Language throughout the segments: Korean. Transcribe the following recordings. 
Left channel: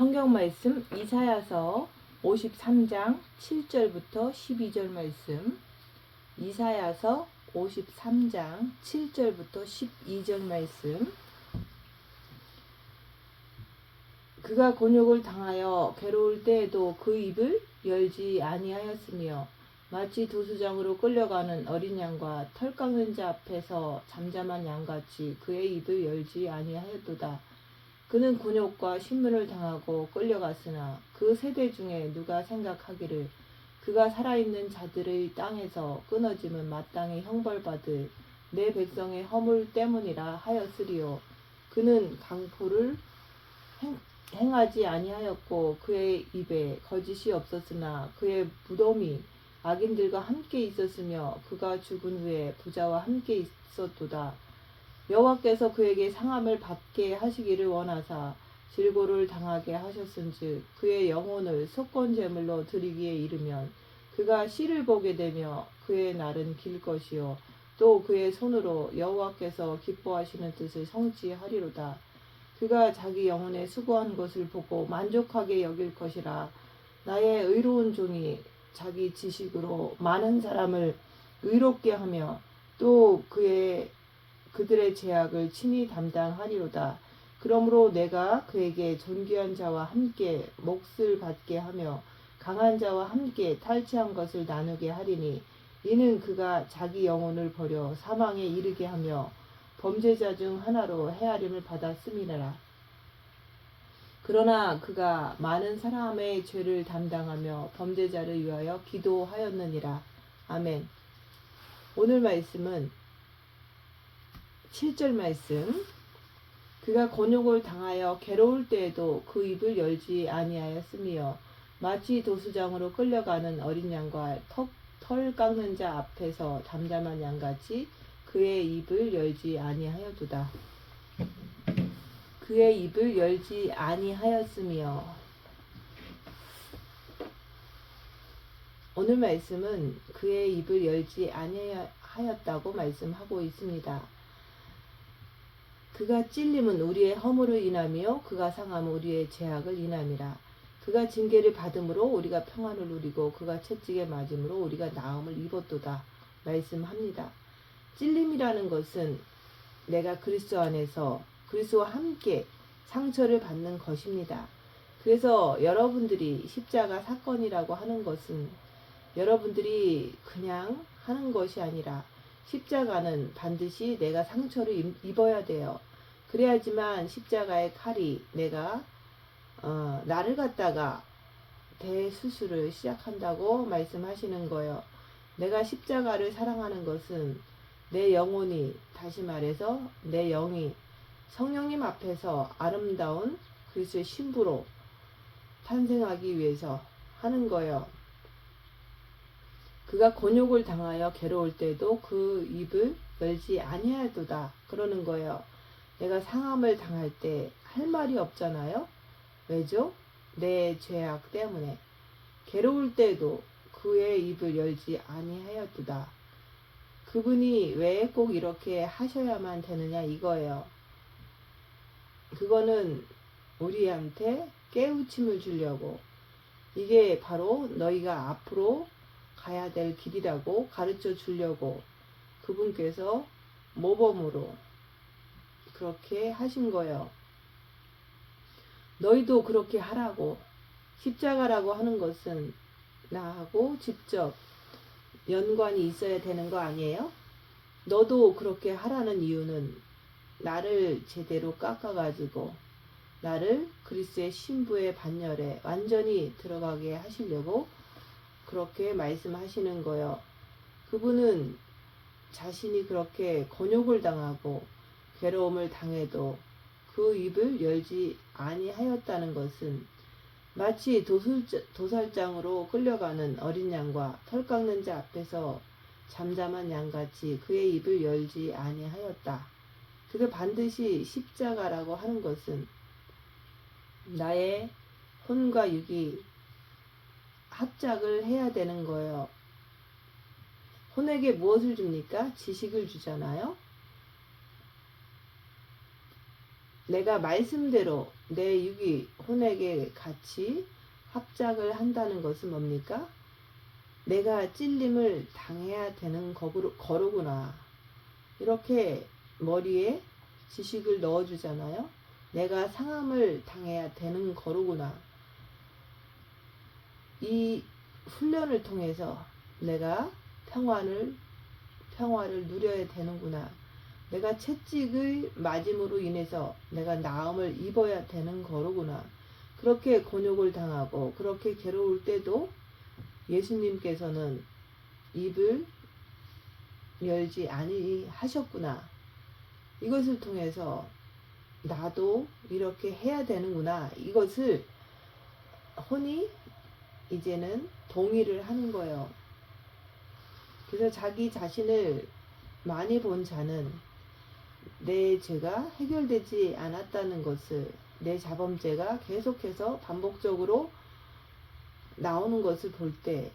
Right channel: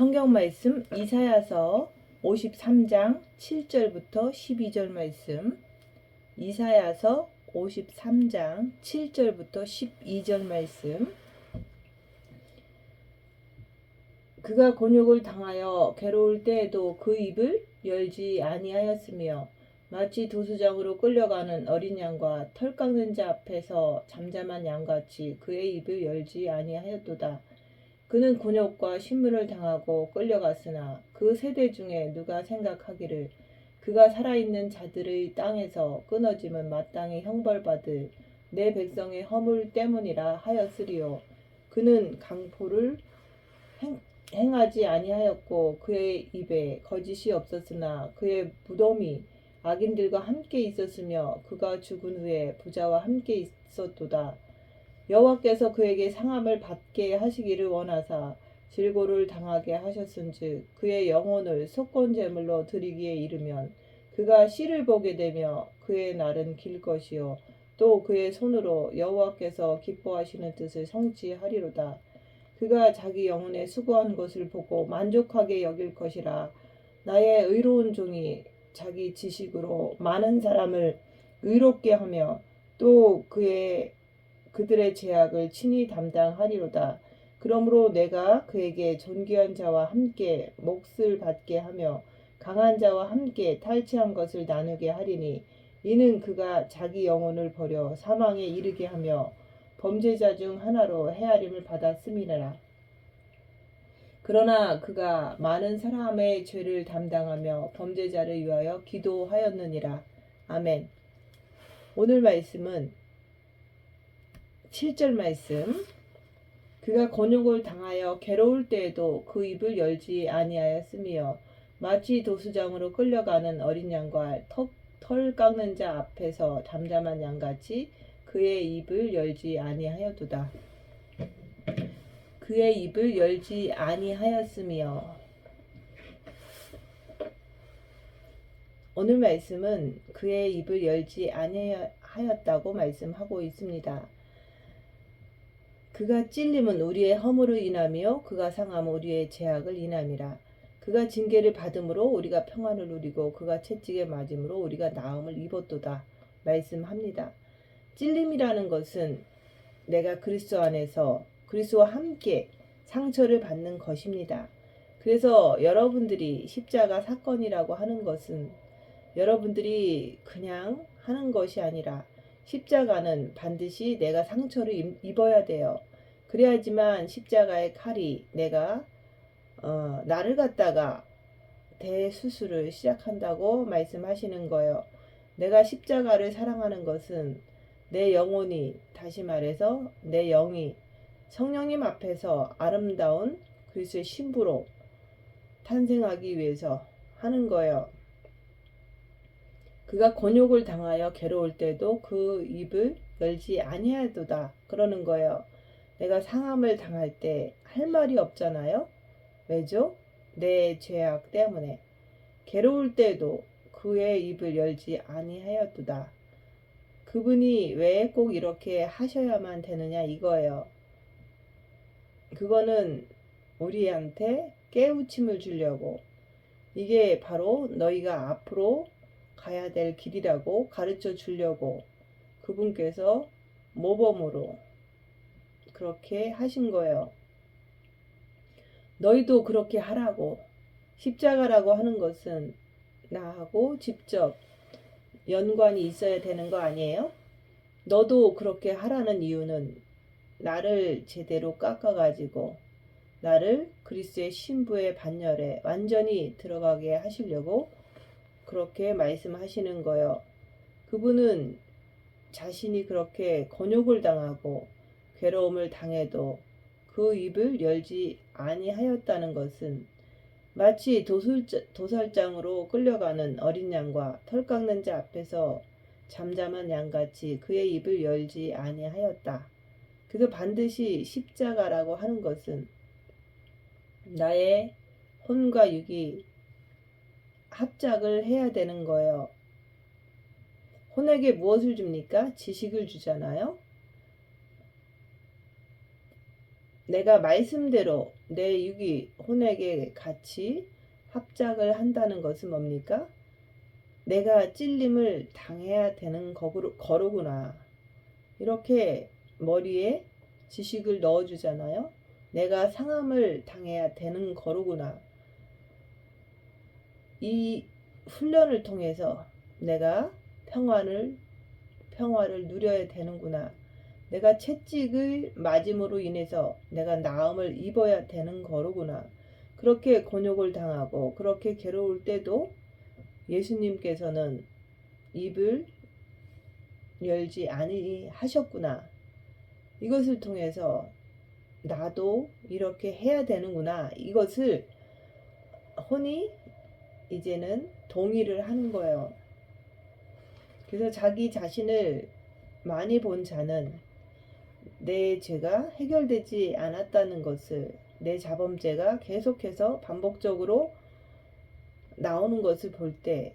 성경 말씀 이사야서 53장 7절부터 12절 말씀. 이사야서 53장 7절부터 12절 말씀. 그가 곤욕을 당하여 괴로울 때에도 그 입을 열지 아니하였으며 마치 도수장으로 끌려가는 어린 양과 털 깎는 자 앞에서 잠잠한 양같이 그의 입을 열지 아니하였도다. 그는 곤욕과 신문을 당하고 끌려갔으나 그 세대 중에 누가 생각하기를 그가 살아있는 자들의 땅에서 끊어짐은 마땅히 형벌받을 내 백성의 허물 때문이라 하였으리요. 그는 강포를 행하지 아니하였고 그의 입에 거짓이 없었으나 그의 무덤이 악인들과 함께 있었으며 그가 죽은 후에 부자와 함께 있었도다. 여호와께서 그에게 상함을 받게 하시기를 원하사 질고를 당하게 하셨은즉 그의 영혼을 속건 제물로 드리기에 이르면 그가 씨를 보게 되며 그의 날은 길 것이요 또 그의 손으로 여호와께서 기뻐하시는 뜻을 성취하리로다. 그가 자기 영혼의 수고한 것을 보고 만족하게 여길 것이라. 나의 의로운 종이 자기 지식으로 많은 사람을 의롭게 하며 또 그들의 죄악을 친히 담당하리로다. 그러므로 내가 그에게 존귀한 자와 함께 몫을 받게 하며 강한 자와 함께 탈취한 것을 나누게 하리니 이는 그가 자기 영혼을 버려 사망에 이르게 하며 범죄자 중 하나로 헤아림을 받았음이니라. 그러나 그가 많은 사람의 죄를 담당하며 범죄자를 위하여 기도하였느니라. 아멘. 오늘 말씀은 7절 말씀. 그가 곤욕을 당하여 괴로울 때에도 그 입을 열지 아니하였으며 마치 도수장으로 끌려가는 어린 양과 털 깎는 자 앞에서 잠잠한 양같이 그의 입을 열지 아니하였도다. 그의 입을 열지 아니하였으며. 오늘 말씀은 그의 입을 열지 아니하였다고 말씀하고 있습니다. 그가 찔림은 우리의 허물을 인하며 그가 상함은 우리의 죄악을 인함이라. 그가 징계를 받음으로 우리가 평안을 누리고 그가 채찍에 맞음으로 우리가 나음을 입었도다 말씀합니다. 찔림이라는 것은 내가 그리스도 안에서 그리스도와 함께 상처를 받는 것입니다. 그래서 여러분들이 십자가 사건이라고 하는 것은 여러분들이 그냥 하는 것이 아니라 십자가는 반드시 내가 상처를 입어야 돼요. 그래야지만 십자가의 칼이 내가 나를 갖다가 대수술을 시작한다고 말씀하시는 거예요. 내가 십자가를 사랑하는 것은 내 영혼이, 다시 말해서 내 영이 성령님 앞에서 아름다운 그리스도의 신부로 탄생하기 위해서 하는 거예요. 그가 곤욕을 당하여 괴로울 때도 그 입을 열지 아니하였도다 그러는 거예요. 내가 상함을 당할 때 할 말이 없잖아요. 왜죠? 내 죄악 때문에. 괴로울 때도 그의 입을 열지 아니하였도다. 그분이 왜 꼭 이렇게 하셔야만 되느냐 이거예요. 그거는 우리한테 깨우침을 주려고, 이게 바로 너희가 앞으로 가야 될 길이라고 가르쳐 주려고 그분께서 모범으로 그렇게 하신 거예요. 너희도 그렇게 하라고. 십자가라고 하는 것은 나하고 직접 연관이 있어야 되는 거 아니에요? 너도 그렇게 하라는 이유는 나를 제대로 깎아가지고 나를 그리스도의 신부의 반열에 완전히 들어가게 하시려고 그렇게 말씀하시는 거예요. 그분은 자신이 그렇게 곤욕을 당하고 괴로움을 당해도 그 입을 열지 아니하였다는 것은 마치 도살장으로 끌려가는 어린 양과 털 깎는 자 앞에서 잠잠한 양같이 그의 입을 열지 아니하였다. 그래서 반드시 십자가라고 하는 것은 나의 혼과 육이 합작을 해야 되는 거예요. 혼에게 무엇을 줍니까? 지식을 주잖아요. 내가 말씀대로 내 육이 혼에게 같이 합작을 한다는 것은 뭡니까? 내가 찔림을 당해야 되는 거로구나. 이렇게 머리에 지식을 넣어주잖아요. 내가 상함을 당해야 되는 거로구나. 이 훈련을 통해서 내가 평화를 누려야 되는구나. 내가 채찍을 맞음으로 인해서 내가 나음을 입어야 되는 거로구나. 그렇게 곤욕을 당하고 그렇게 괴로울 때도 예수님께서는 입을 열지 아니하셨구나. 이것을 통해서 나도 이렇게 해야 되는구나. 이것을 혼이 이제는 동의를 하는 거예요. 그래서 자기 자신을 많이 본 자는 내 죄가 해결되지 않았다는 것을, 내 자범죄가 계속해서 반복적으로 나오는 것을 볼 때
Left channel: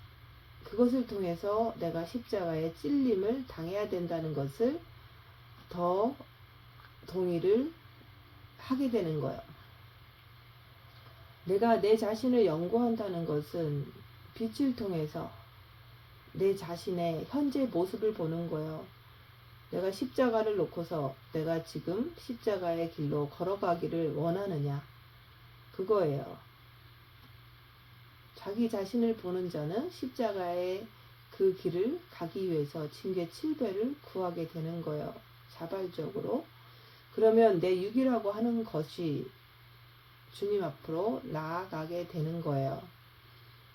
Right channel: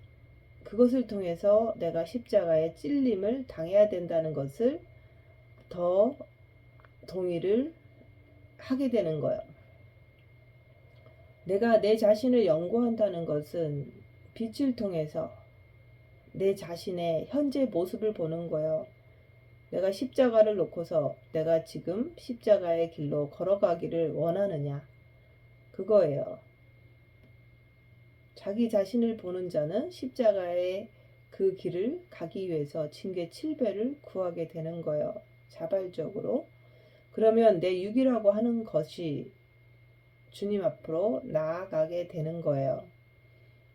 그것을 통해서 내가 십자가의 찔림을 당해야 된다는 것을 더 동의를 하게 되는 거예요. 내가 내 자신을 연구한다는 것은 빛을 통해서 내 자신의 현재 모습을 보는 거예요. 내가 십자가를 놓고서 내가 지금 십자가의 길로 걸어가기를 원하느냐, 그거예요. 자기 자신을 보는 자는 십자가의 그 길을 가기 위해서 징계 7배를 구하게 되는 거예요. 자발적으로. 그러면 내 육이라고 하는 것이 주님 앞으로 나아가게 되는 거예요.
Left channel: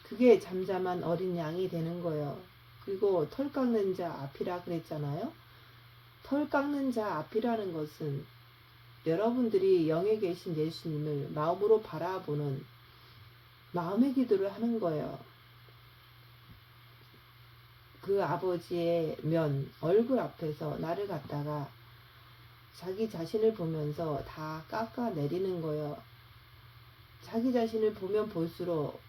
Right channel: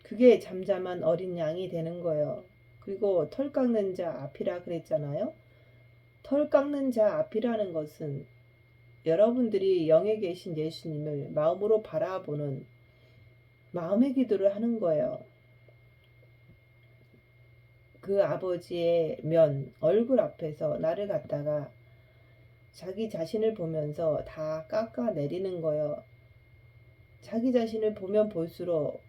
그게 잠잠한 어린 양이 되는 거예요. 그리고 털 깎는 자 앞이라 그랬잖아요. 털 깎는 자 앞이라는 것은 여러분들이 영에 계신 예수님을 마음으로 바라보는 마음의 기도를 하는 거예요. 그 아버지의 얼굴 앞에서 나를 갖다가 자기 자신을 보면서 다 깎아내리는 거예요. 자기 자신을 보면 볼수록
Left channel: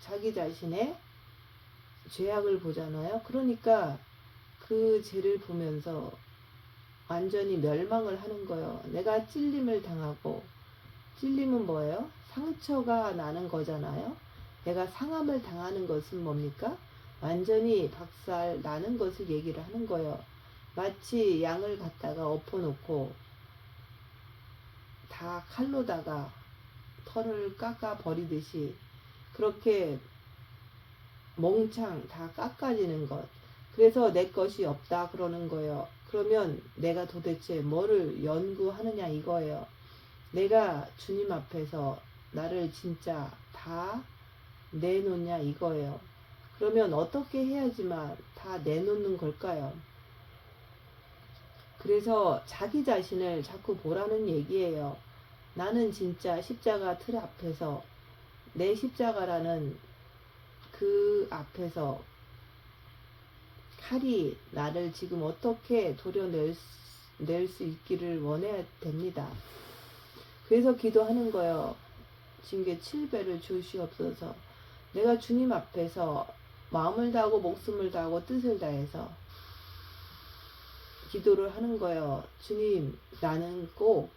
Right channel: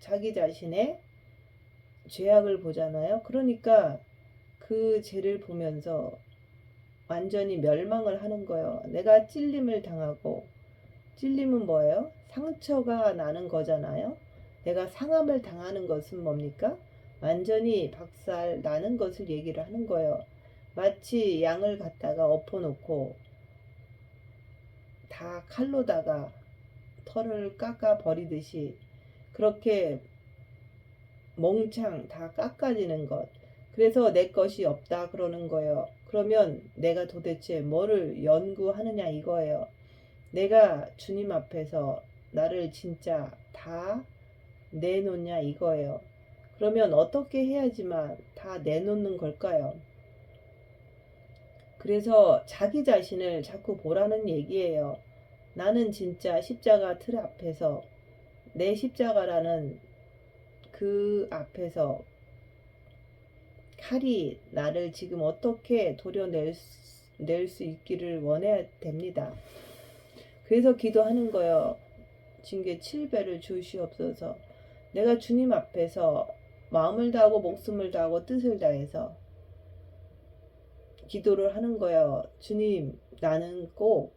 자기 자신의 죄악을 보잖아요. 그러니까 그 죄를 보면서 완전히 멸망을 하는 거예요. 내가 찔림을 당하고, 찔림은 뭐예요? 상처가 나는 거잖아요. 내가 상함을 당하는 것은 뭡니까? 완전히 박살 나는 것을 얘기를 하는 거예요. 마치 양을 갖다가 엎어놓고 다 칼로다가 털을 깎아 버리듯이 그렇게 몽창 다 깎아지는 것. 그래서 내 것이 없다 그러는 거예요. 그러면 내가 도대체 뭐를 연구하느냐 이거예요. 내가 주님 앞에서 나를 진짜 다 내놓냐 이거예요. 그러면 어떻게 해야지만 다 내놓는 걸까요? 그래서 자기 자신을 자꾸 보라는 얘기예요. 나는 진짜 십자가 틀 앞에서, 내 십자가라는 그 앞에서 칼이 나를 지금 어떻게 도려낼 수 있기를 원해야 됩니다. 그래서 기도하는 거예요. 징계 7배를 주시옵소서. 내가 주님 앞에서 마음을 다하고 목숨을 다하고 뜻을 다해서 기도를 하는 거예요. 주님, 나는 꼭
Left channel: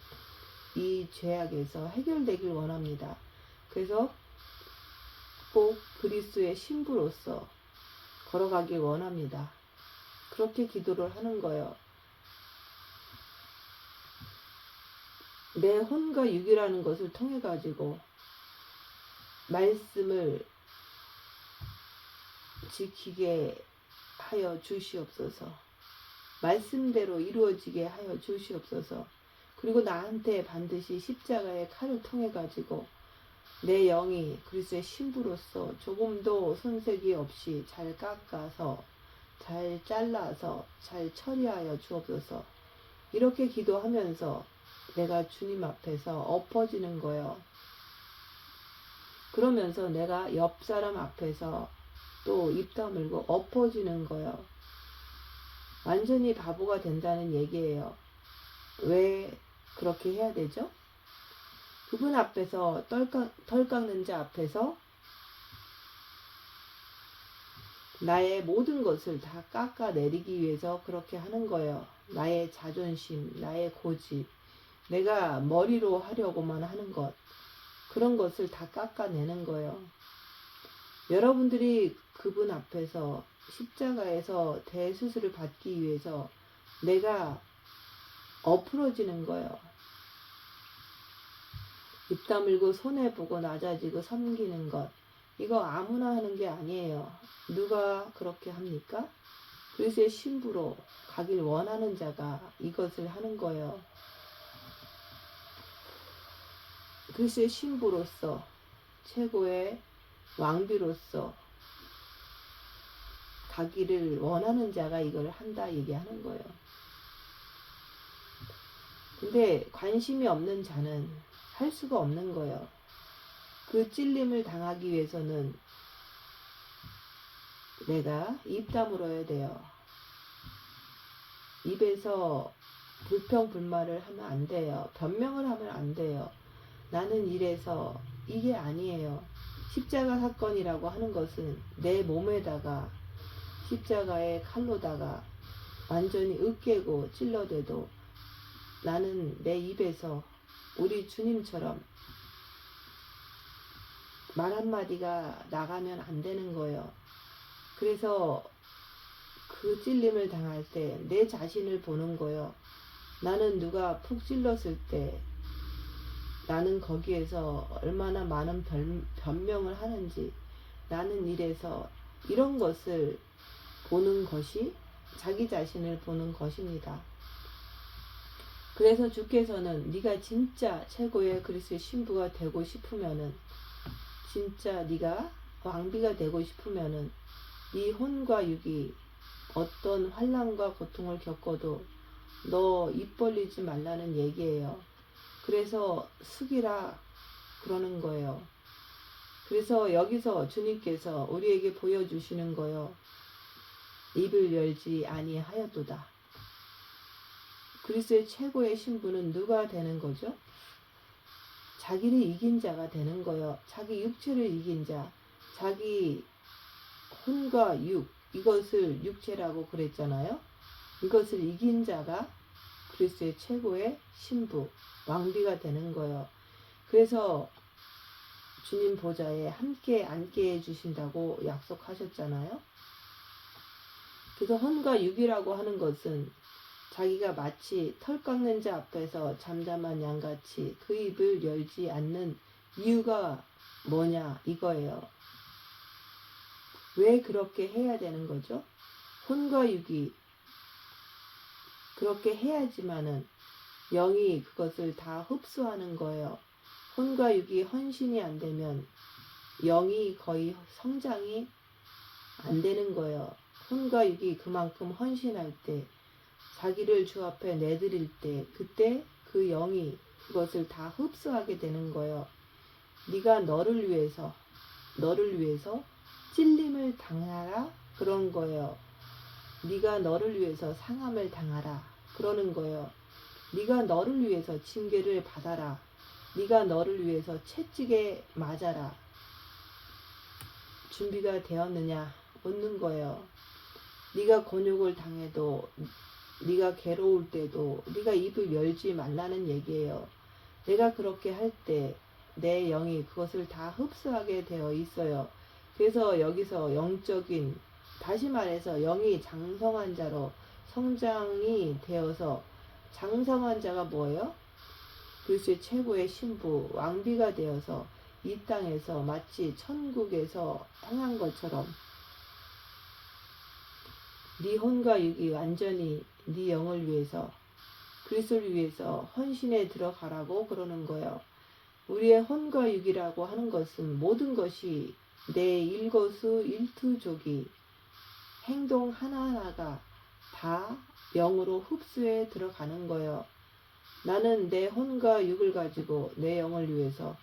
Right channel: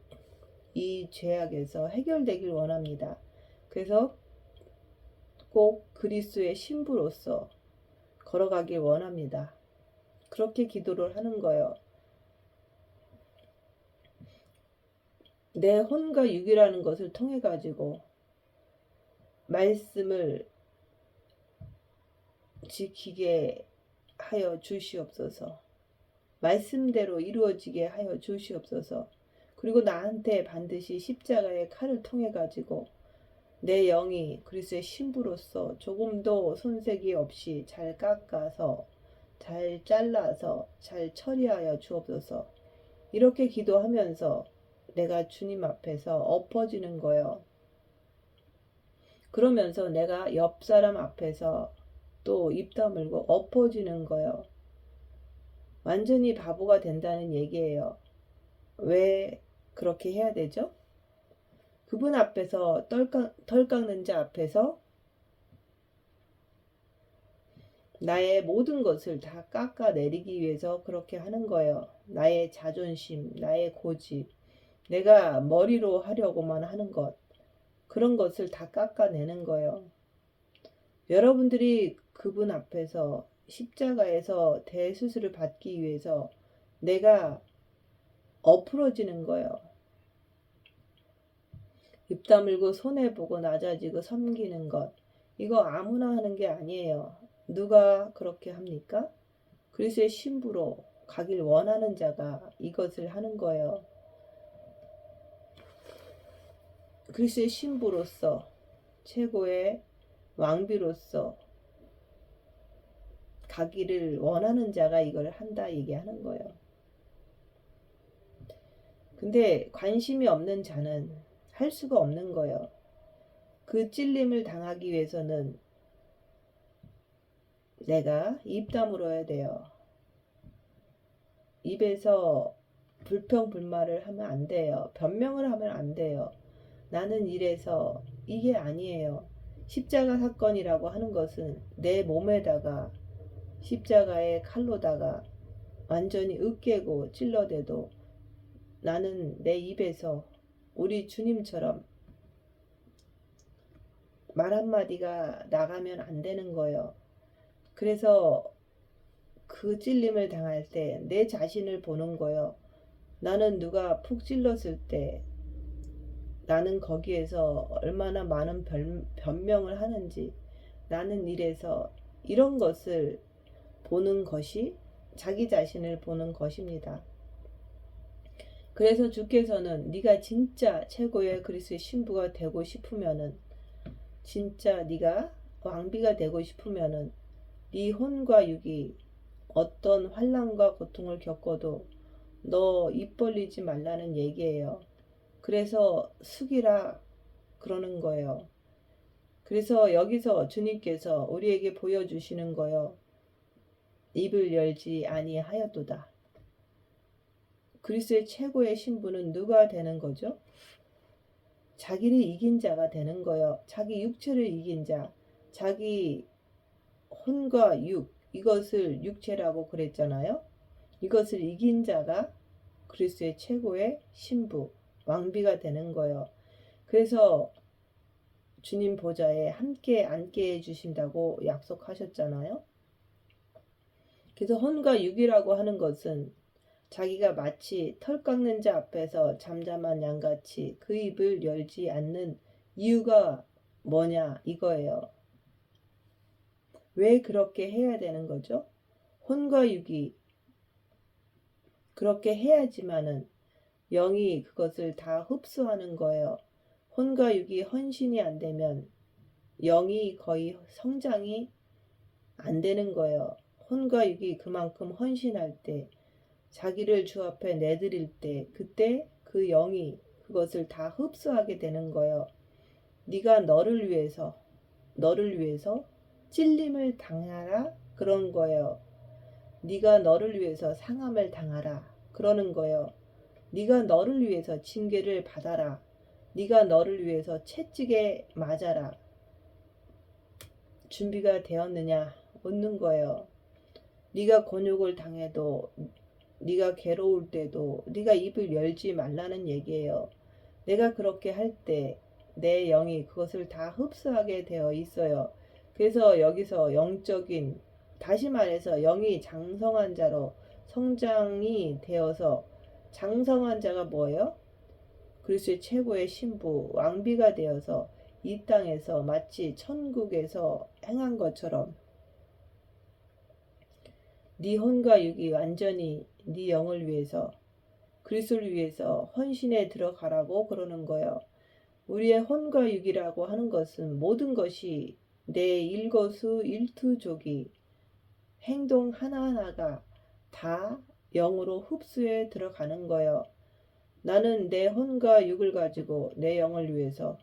이 죄악에서 해결되길 원합니다. 그래서 꼭 그리스도의 신부로서 걸어가길 원합니다. 그렇게 기도를 하는 거예요. 내 혼과 육이라는 것을 통해 가지고 말씀을 지키게 하여 주시옵소서. 말씀대로 이루어지게 하여 주시옵소서. 그리고 나한테 반드시 십자가의 칼을 통해 가지고 내 영이 그리스도의 신부로서 조금도 손색이 없이 잘 깎아서, 잘 잘라서, 잘 처리하여 주옵소서. 이렇게 기도하면서 내가 주님 앞에서 엎어지는 거예요. 그러면서 내가 옆 사람 앞에서 또 입 다물고 엎어지는 거예요. 완전히 바보가 된다는 얘기예요. 왜 그렇게 해야 되죠? 그분 앞에서 털 깎는 자 앞에서 나의 모든 것을 다 깎아내리기 위해서 그렇게 하는 거예요. 나의 자존심, 나의 고집, 내가 머리로 하려고만 하는 것, 그런 것을 다 깎아내는 거예요. 여러분들이 그분 앞에서 십자가에서 대수술을 받기 위해서 내가 엎으러지는 거예요. 입 다물고 손해보고 낮아지고 섬기는 것, 이거 아무나 하는 게 아니에요. 누가 그렇게 합니까? 그리스도의 신부로 가길 원하는 자가 이것을 하는 거예요. 그리스도의 신부로서, 최고의 왕비로서 가기를 원하는 자가 이걸 한다 얘기하는 거예요. 근데 관심이 없는 자는 할 수가 없는 거예요. 그 찔림을 당하기 위해서는 내가 입 다물어야 돼요. 입에서 불평불만을 하면 안 돼요. 변명을 하면 안 돼요. 나는 이래서, 이게 아니에요. 십자가 사건이라고 하는 것은 내 몸에다가 십자가의 칼로다가 완전히 으깨고 찔러대도 나는 내 입에서 우리 주님처럼 말 한마디가 나가면 안 되는 거예요. 그래서 그 찔림을 당할 때 내 자신을 보는 거예요. 나는 누가 푹 찔렀을 때 나는 거기에서 얼마나 많은 변명을 하는지, 나는 이래서, 이런 것을 보는 것이 자기 자신을 보는 것입니다. 그래서 주께서는 네가 진짜 최고의 그리스도의 신부가 되고 싶으면은, 진짜 네가 왕비가 되고 싶으면은 네 혼과 육이 어떤 환난과 고통을 겪어도 너 입 벌리지 말라는 얘기예요. 그래서 숙이라 그러는 거예요. 그래서 여기서 주님께서 우리에게 보여주시는 거예요. 입을 열지 아니하였도다. 그리스도의 최고의 신부는 누가 되는 거죠? 자기를 이긴 자가 되는 거예요. 자기 육체를 이긴 자, 자기 혼과 육, 이것을 육체라고 그랬잖아요. 이것을 이긴 자가 그리스도의 최고의 신부, 왕비가 되는 거예요. 그래서 주님 보좌에 함께 앉게 해주신다고 약속하셨잖아요. 그래서 혼과 육이라고 하는 것은 자기가 마치 털 깎는 자 앞에서 잠잠한 양같이 그 입을 열지 않는 이유가 뭐냐 이거예요. 왜 그렇게 해야 되는 거죠? 혼과 육이 그렇게 해야지만은 영이 그것을 다 흡수하는 거예요. 혼과 육이 헌신이 안 되면 영이 거의 성장이 안 되는 거예요. 혼과 육이 그만큼 헌신할 때, 자기를 주 앞에 내드릴 때, 그때 그 영이 그것을 다 흡수하게 되는 거예요. 네가 너를 위해서 찔림을 당하라 그런 거예요. 네가 너를 위해서 상함을 당하라 그러는 거예요. 네가 너를 위해서 징계를 받아라. 네가 너를 위해서 채찍에 맞아라. 준비가 되었느냐 묻는 거예요. 네가 곤욕을 당해도, 네가 괴로울 때도 네가 입을 열지 말라는 얘기예요. 내가 그렇게 할 때 내 영이 그것을 다 흡수하게 되어 있어요. 그래서 여기서 영적인, 다시 말해서 영이 장성한 자로 성장이 되어서, 장성한 자가 뭐예요? 그리스도의 최고의 신부, 왕비가 되어서 이 땅에서 마치 천국에서 행한 것처럼 네 혼과 육이 완전히 네 영을 위해서, 그리스도를 위해서 헌신에 들어가라고 그러는 거예요. 우리의 혼과 육이라고 하는 것은 모든 것이 내 일거수일투족이, 행동 하나하나가 다 영으로 흡수해 들어가는 거예요. 나는 내 혼과 육을 가지고 내 영을 위해서,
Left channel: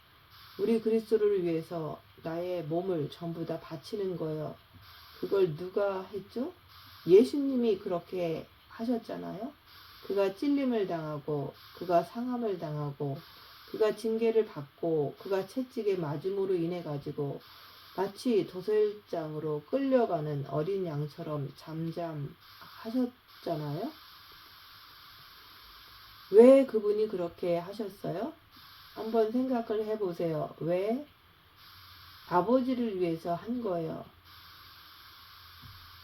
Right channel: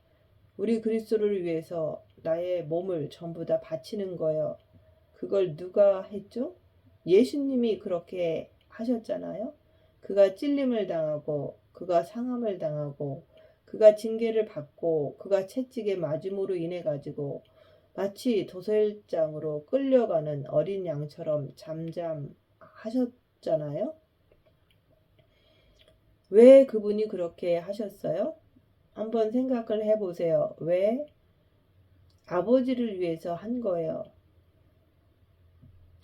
우리 그리스도를 위해서 나의 몸을 전부 다 바치는 거예요. 그걸 누가 했죠? 예수님이 그렇게 하셨잖아요. 그가 찔림을 당하고, 그가 상함을 당하고, 그가 징계를 받고, 그가 채찍에 맞음으로 인해 가지고 마치 도살장으로 끌려가는 어린 양처럼 잠잠하셨잖아요. 왜 그분이 그렇게 하셨어요? 한번 생각을 해보세요. 왜? 아버지를 위해서 한 거예요.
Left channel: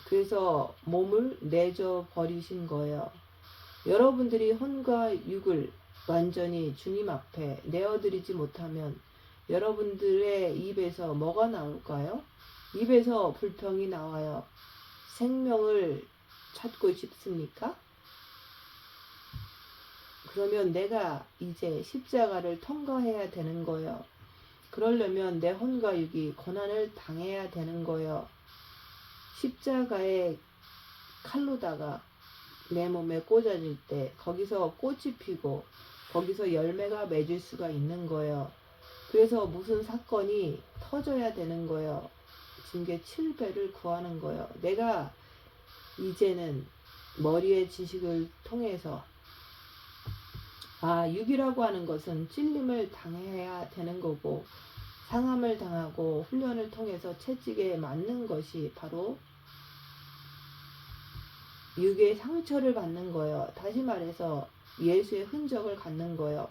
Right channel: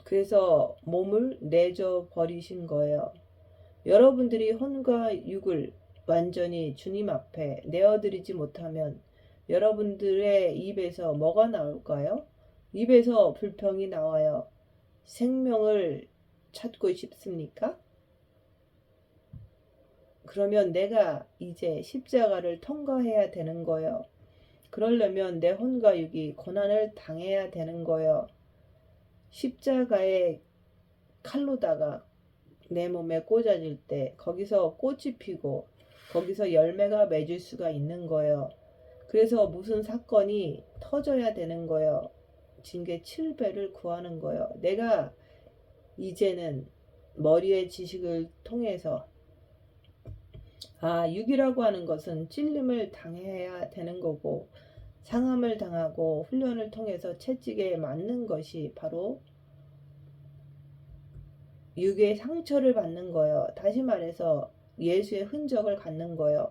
그래서 몸을 내줘 버리신 거예요. 여러분들이 혼과 육을 완전히 주님 앞에 내어드리지 못하면 여러분들의 입에서 뭐가 나올까요? 입에서 불평이 나와요. 생명을 찾고 싶습니까? 그러면 내가 이제 십자가를 통과해야 되는 거예요. 그러려면 내 혼과 육이 고난을 당해야 되는 거예요. 십자가의 칼로다가 내 몸에 꽂아질 때 거기서 꽃이 피고 거기서 열매가 맺을 수가 있는 거예요. 그래서 무슨 사건이 터져야 되는 거예요. 징계 7배를 구하는 거예요. 내가 이제는 머리의 지식을 통해서 육이라고 하는 것은 찔림을 당해야 되는 거고 상함을 당하고 훈련을 통해서 채찍에 맞는 것이 바로 육의 상처를 받는 거예요. 다시 말해서 예수의 흔적을 갖는 거예요.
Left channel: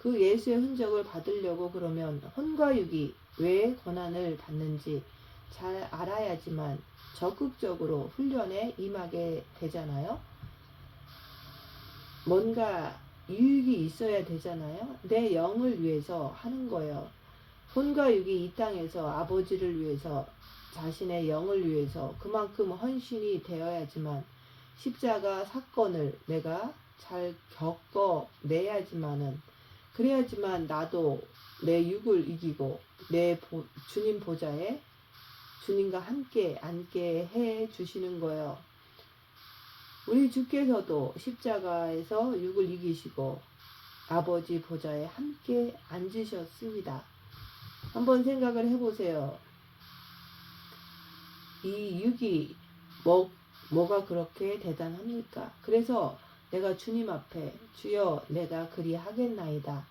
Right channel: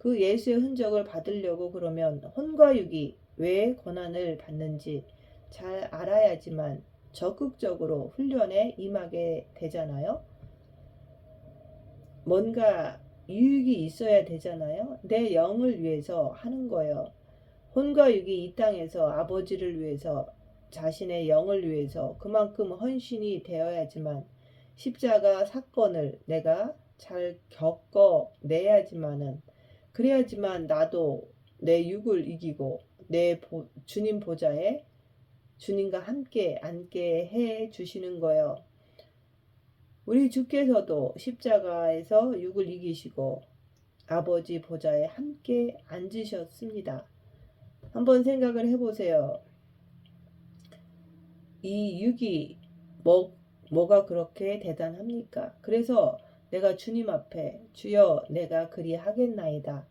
그 예수의 흔적을 받으려고 그러면 혼과 육이 왜 고난을 받는지 잘 알아야지만 적극적으로 훈련에 임하게 되잖아요. 뭔가 유익이 있어야 되잖아요. 내 영을 위해서 하는 거예요. 혼과 육이 이 땅에서 아버지를 위해서 자신의 영을 위해서 그만큼 헌신이 되어야지만 십자가 사건을 내가 잘 겪어내야지만은 그래야지만 나도 내 육을 이기고 내 주님 보좌에 주님과 함께 앉게 해 주시는 거예요. 우리 주께서도 십자가에서 육을 이기시고 아버지 보좌에 함께 앉으셨습니다. 한번 생각을 해보세요. 이 육이 뭐가 그렇게 대단합니까? 그래서 내가 주님 앞에 주여 내가 그리하겠나이다.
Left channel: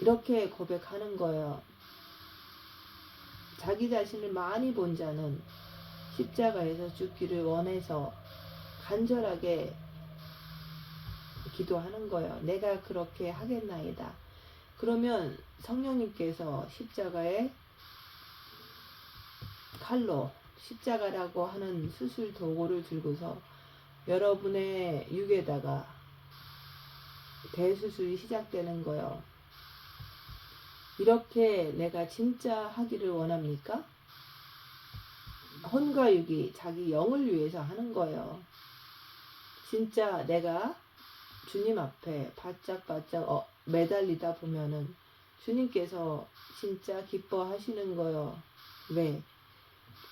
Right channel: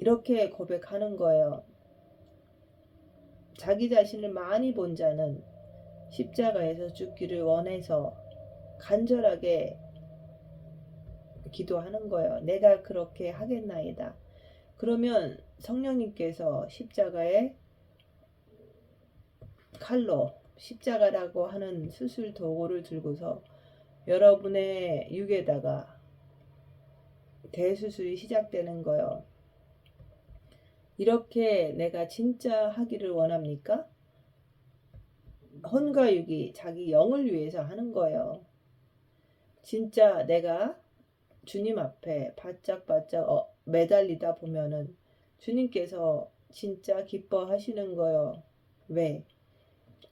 이렇게 고백하는 거예요. 자기 자신을 많이 본 자는 십자가에서 죽기를 원해서 간절하게 기도하는 거예요. 내가 그렇게 하겠나이다. 그러면 성령님께서 십자가에 칼로 십자가라고 하는 수술 도구를 들고서 여러분의 육에다가 대수술이 시작되는 거예요. 이렇게 내가 진짜 하기를 원합니까? 혼과 육이 자기 영을 위해서 하는 거예요. 진짜 내가 주님 앞에 바짝바짝 매달리다 보면은 주님께서 진짜 기뻐하시는 거예요. 왜?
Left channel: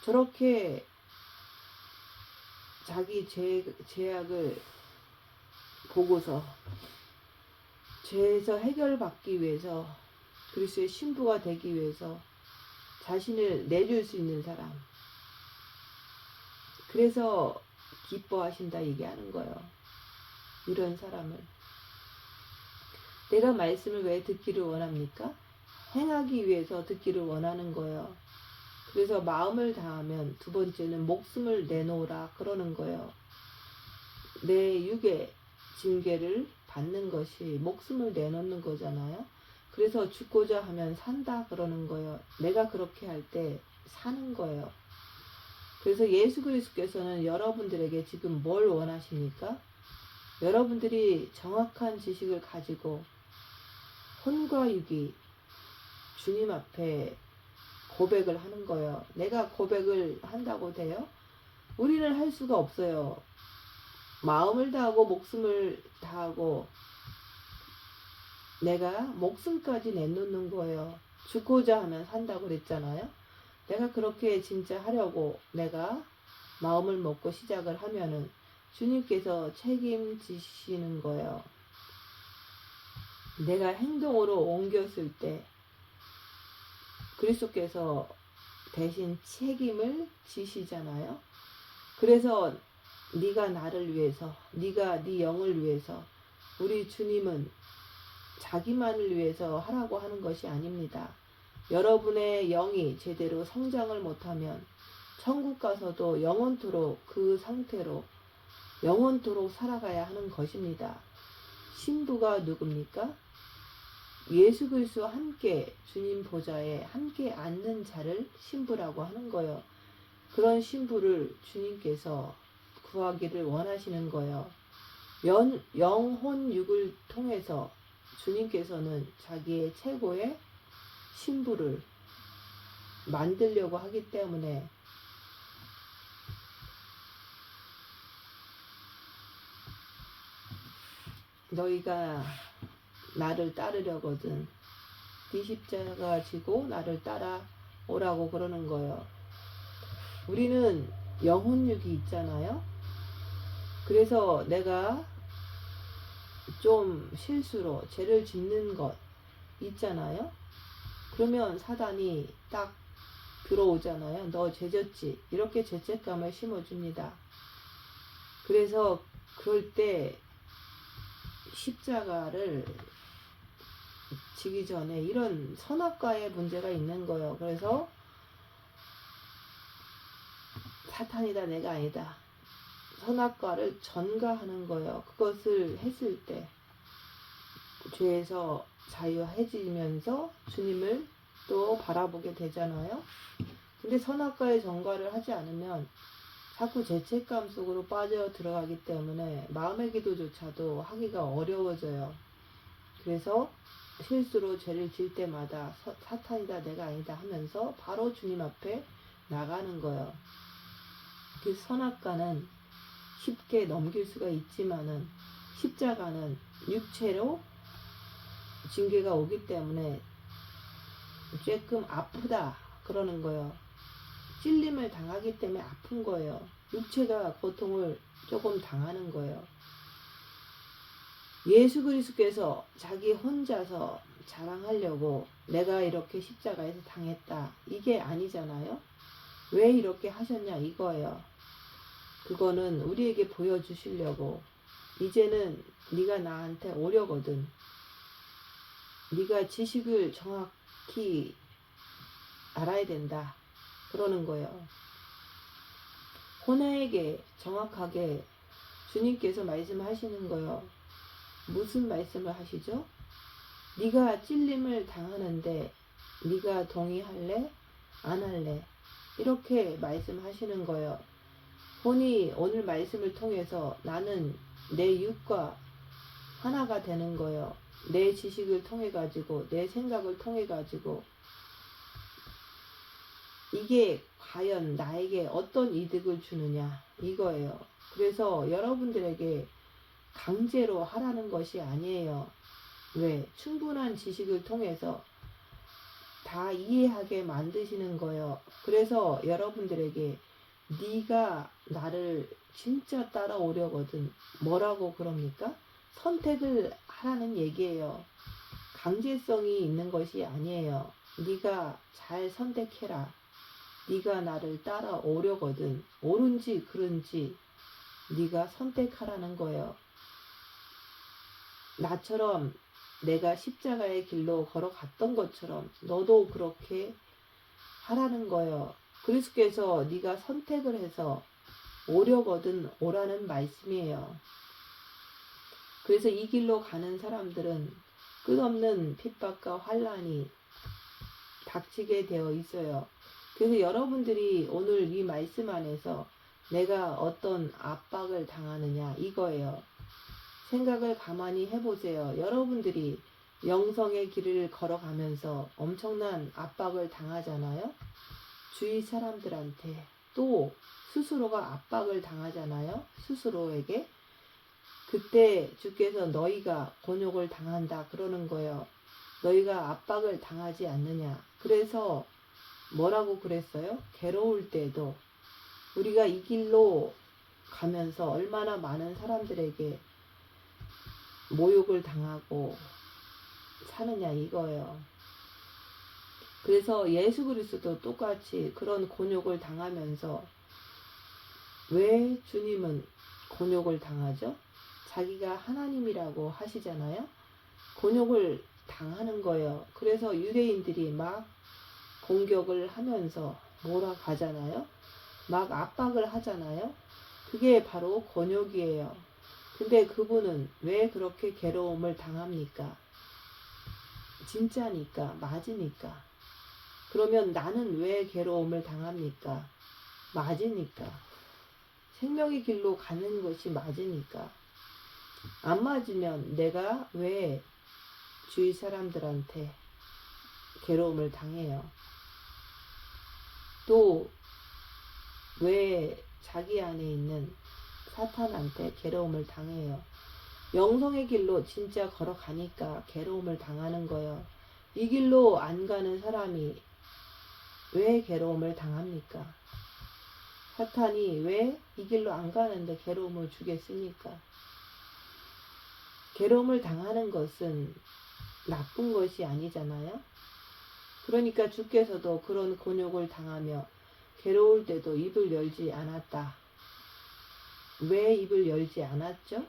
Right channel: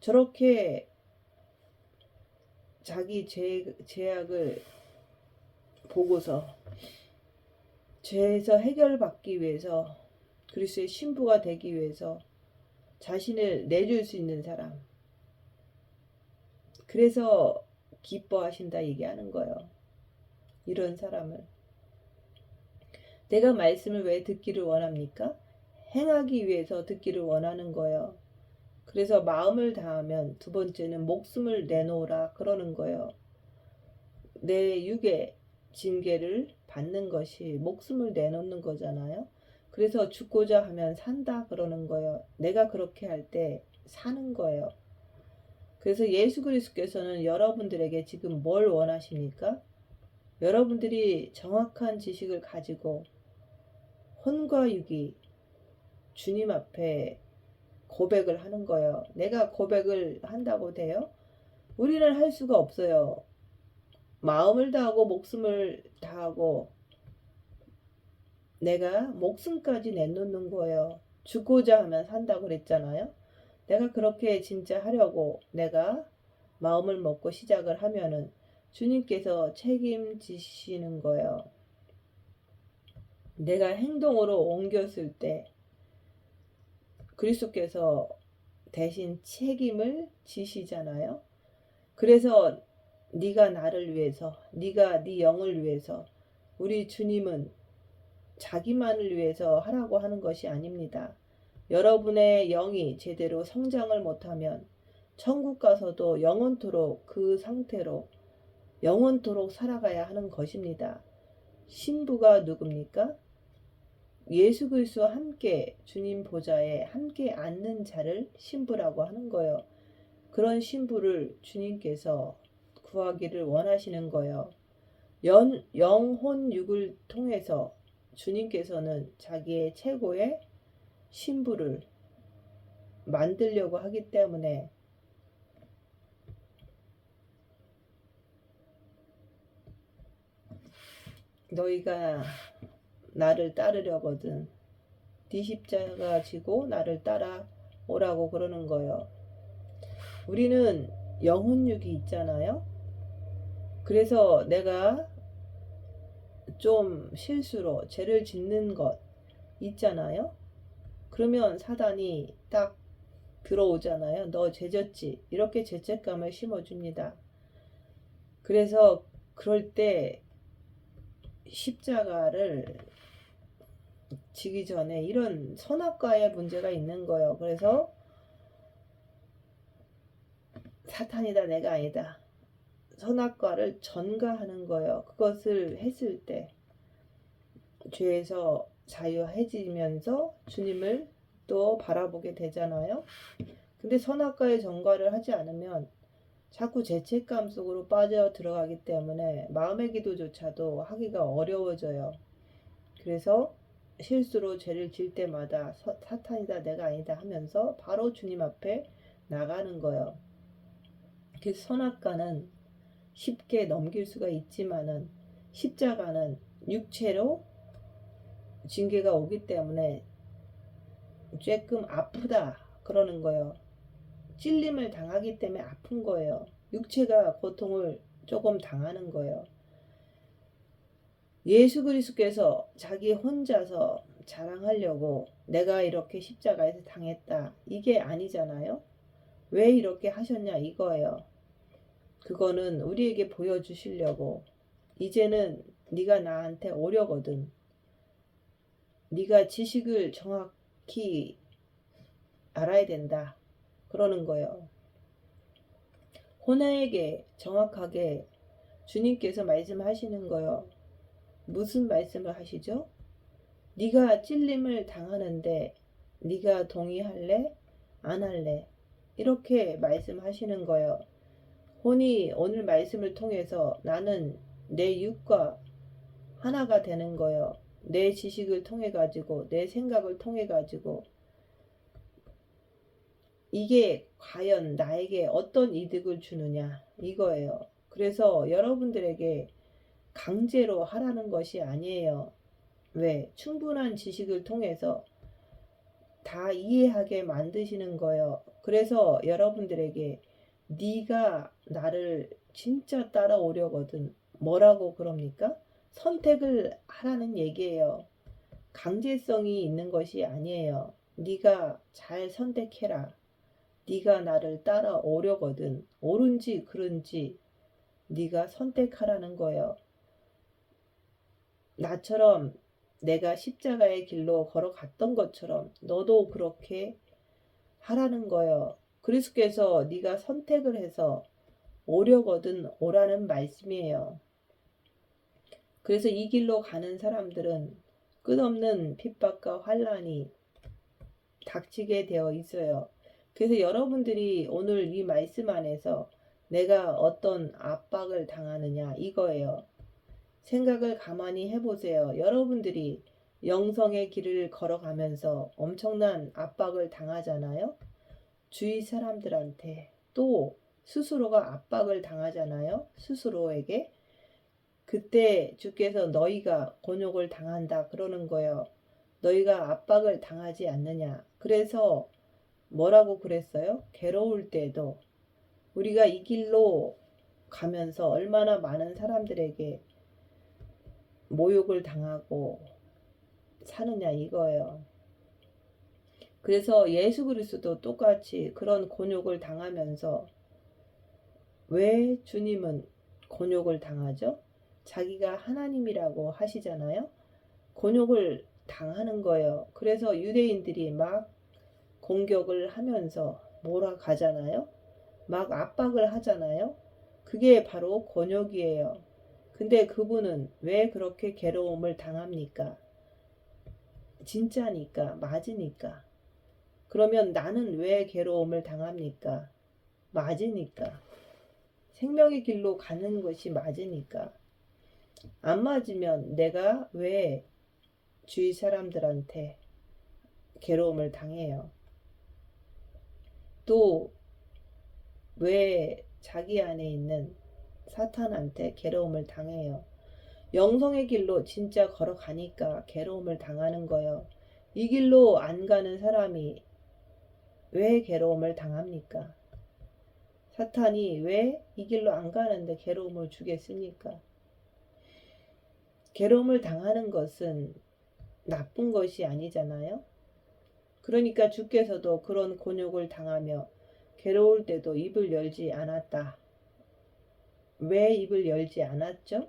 저렇게 자기 죄악을 보고서 죄에서 해결받기 위해서 그리스도의 신부가 되기 위해서 자신을 내줄 수 있는 사람. 그래서 기뻐하신다 얘기하는 거예요. 이런 사람을. 내가 말씀을 왜 듣기를 원합니까? 행하기 위해서 듣기를 원하는 거예요. 그래서 마음을 다하면 두 번째는 목숨을 내놓으라 그러는 거예요. 내 육의 징계를 받는 것이 목숨을 내놓는 거잖아요. 그래서 죽고자 하면 산다 그러는 거예요. 내가 그렇게 할 때 사는 거예요. 그래서 예수 그리스도께서는 여러분들에게 지금 뭘 원하십니까? 여러분들이 정확한 지식을 가지고 혼과 육이 주님 앞에 고백을 하는 거예요. 내가 고백을 한다고 돼요? 우리는 할 수가 없어요. 마음을 다하고 목숨을 다하고 내가 목숨까지 내놓는 거예요. 죽고자 하면 산다고 그랬잖아요. 내가 그렇게 진짜 하려고 내가 마음을 먹고 시작을 하면은 주님께서 책임지시는 거예요. 내가 행동으로 옮겼을 때 그리스도께서 대신 책임을 지시잖아요. 그래서 네가 나를 위해서, 네가 네 영을 위해서, 우리 주님은 자기만을 위해서 하라고 하는 것이 아닙니다. 여러분의 영이 제대로 성장을 못하면 천국 가서도 영원토록 그 상태로 영원토록 살아가야 하는 것입니다. 신부가 누굽니까? 예수 그리스도와 함께 주님 보좌에 함께 앉는 자를 신부라고 하는 거예요. 그런 신부를 주님께서 구하기를 원하시는 거예요. 영혼육을 통해서 주님께서는 자기의 최고의 신부를 만들려고 하기 때문에 너희가 나를 따르려거든 네 십자가 지고 나를 따라오라고 그러는 거예요. 우리는 영혼육이 있잖아요. 그래서 내가 좀 실수로 죄를 짓는 것 있잖아요. 그러면 사단이 딱 들어오잖아요. 너 죄졌지? 이렇게 죄책감을 심어줍니다. 그래서 그럴 때 십자가를 지기 전에 이런 선악과의 문제가 있는 거예요. 그래서 사탄이다 내가 아니다. 선악과를 전가하는 거예요. 그것을 했을 때 죄에서 자유해지면서 주님을 또 바라보게 되잖아요. 근데 선악과의 전가를 하지 않으면 자꾸 죄책감 속으로 빠져 들어가기 때문에 마음의 기도조차도 하기가 어려워져요. 그래서 실수로 죄를 지을 때마다 사탄이다 내가 아니다 하면서 바로 주님 앞에 나가는 거예요. 그래서 선악과는 쉽게 넘길 수가 있지만은 십자가는 육체로 징계가 오기 때문에 조금 아프다 그러는 거예요. 찔림을 당하기 때문에 아픈 거예요. 육체가 고통을 조금 당하는 거예요. 예수 그리스도께서 자기 혼자서 자랑하려고 내가 이렇게 십자가에서 당했다 이게 아니잖아요. 왜 이렇게 하셨냐 이거예요. 그거는 우리에게 보여주시려고 이제는 네가 나한테 오려거든. 네가 지식을 정확히 알아야 된다. 그러는 거예요. 호나에게 정확하게 주님께서 말씀하시는 거예요. 무슨 말씀을 하시죠? 네가 찔림을 당하는데 네가 동의할래? 안 할래? 이렇게 말씀하시는 거예요. 혼이 오늘 말씀을 통해서 나는 내 육과 하나가 되는 거예요. 내 지식을 통해 가지고 내 생각을 통해 가지고 이게 과연 나에게 어떤 이득을 주느냐 이거예요. 그래서 여러분들에게 강제로 하라는 것이 아니에요. 왜? 충분한 지식을 통해서 다 이해하게 만드시는 거예요. 그래서 여러분들에게 네가 나를 진짜 따라오려거든. 뭐라고 그럽니까? 선택을 하라는 얘기예요. 강제성이 있는 것이 아니에요. 네가 잘 선택해라. 네가 나를 따라오려거든. 옳은지 그른지 네가 선택하라는 거예요. 나처럼 내가 십자가의 길로 걸어갔던 것처럼 너도 그렇게 하라는 거예요. 그리스도께서 네가 선택을 해서 오려거든 오라는 말씀이에요. 그래서 이 길로 가는 사람들은 끝없는 핍박과 환난이 닥치게 되어 있어요. 그래서 여러분들이 오늘 이 말씀 안에서 내가 어떤 압박을 당하느냐 이거예요. 생각을 가만히 해보세요. 여러분들이 영성의 길을 걸어가면서 엄청난 압박을 당하잖아요. 주위 사람들한테 또 스스로가 압박을 당하잖아요. 스스로에게. 그때 주께서 너희가 곤욕을 당한다 그러는 거예요. 너희가 압박을 당하지 않느냐. 그래서 뭐라고 그랬어요? 괴로울 때도 우리가 이 길로 가면서 얼마나 많은 사람들에게 모욕을 당하고 사느냐 이거예요. 그래서 예수 그리스도도 똑같이 그런 곤욕을 당하면서 왜 주님은 곤욕을 당하죠? 자기가 하나님이라고 하시잖아요. 곤욕을 당하는 거예요. 그래서 유대인들이 막 공격을 하면서 몰아가잖아요. 막 압박을 하잖아요. 그게 바로 곤욕이에요. 근데 그분은 왜 그렇게 괴로움을 당합니까? 진짜니까, 맞으니까. 그러면 나는 왜 괴로움을 당합니까? 맞으니까. 생명의 길로 가는 것이 맞으니까. 안 맞으면 내가 왜 주위 사람들한테 괴로움을 당해요? 또 왜 자기 안에 있는 사탄한테 괴로움을 당해요? 영성의 길로 진짜 걸어가니까 괴로움을 당하는 거예요. 이 길로 안 가는 사람이 왜 괴로움을 당합니까? 사탄이 왜 이 길로 안 가는데 괴로움을 주겠습니까? 괴로움을 당하는 것은 나쁜 것이 아니잖아요. 그러니까 주께서도 그런 곤욕을 당하며 괴로울 때도 입을 열지 않았다. 왜 입을 열지 않았죠?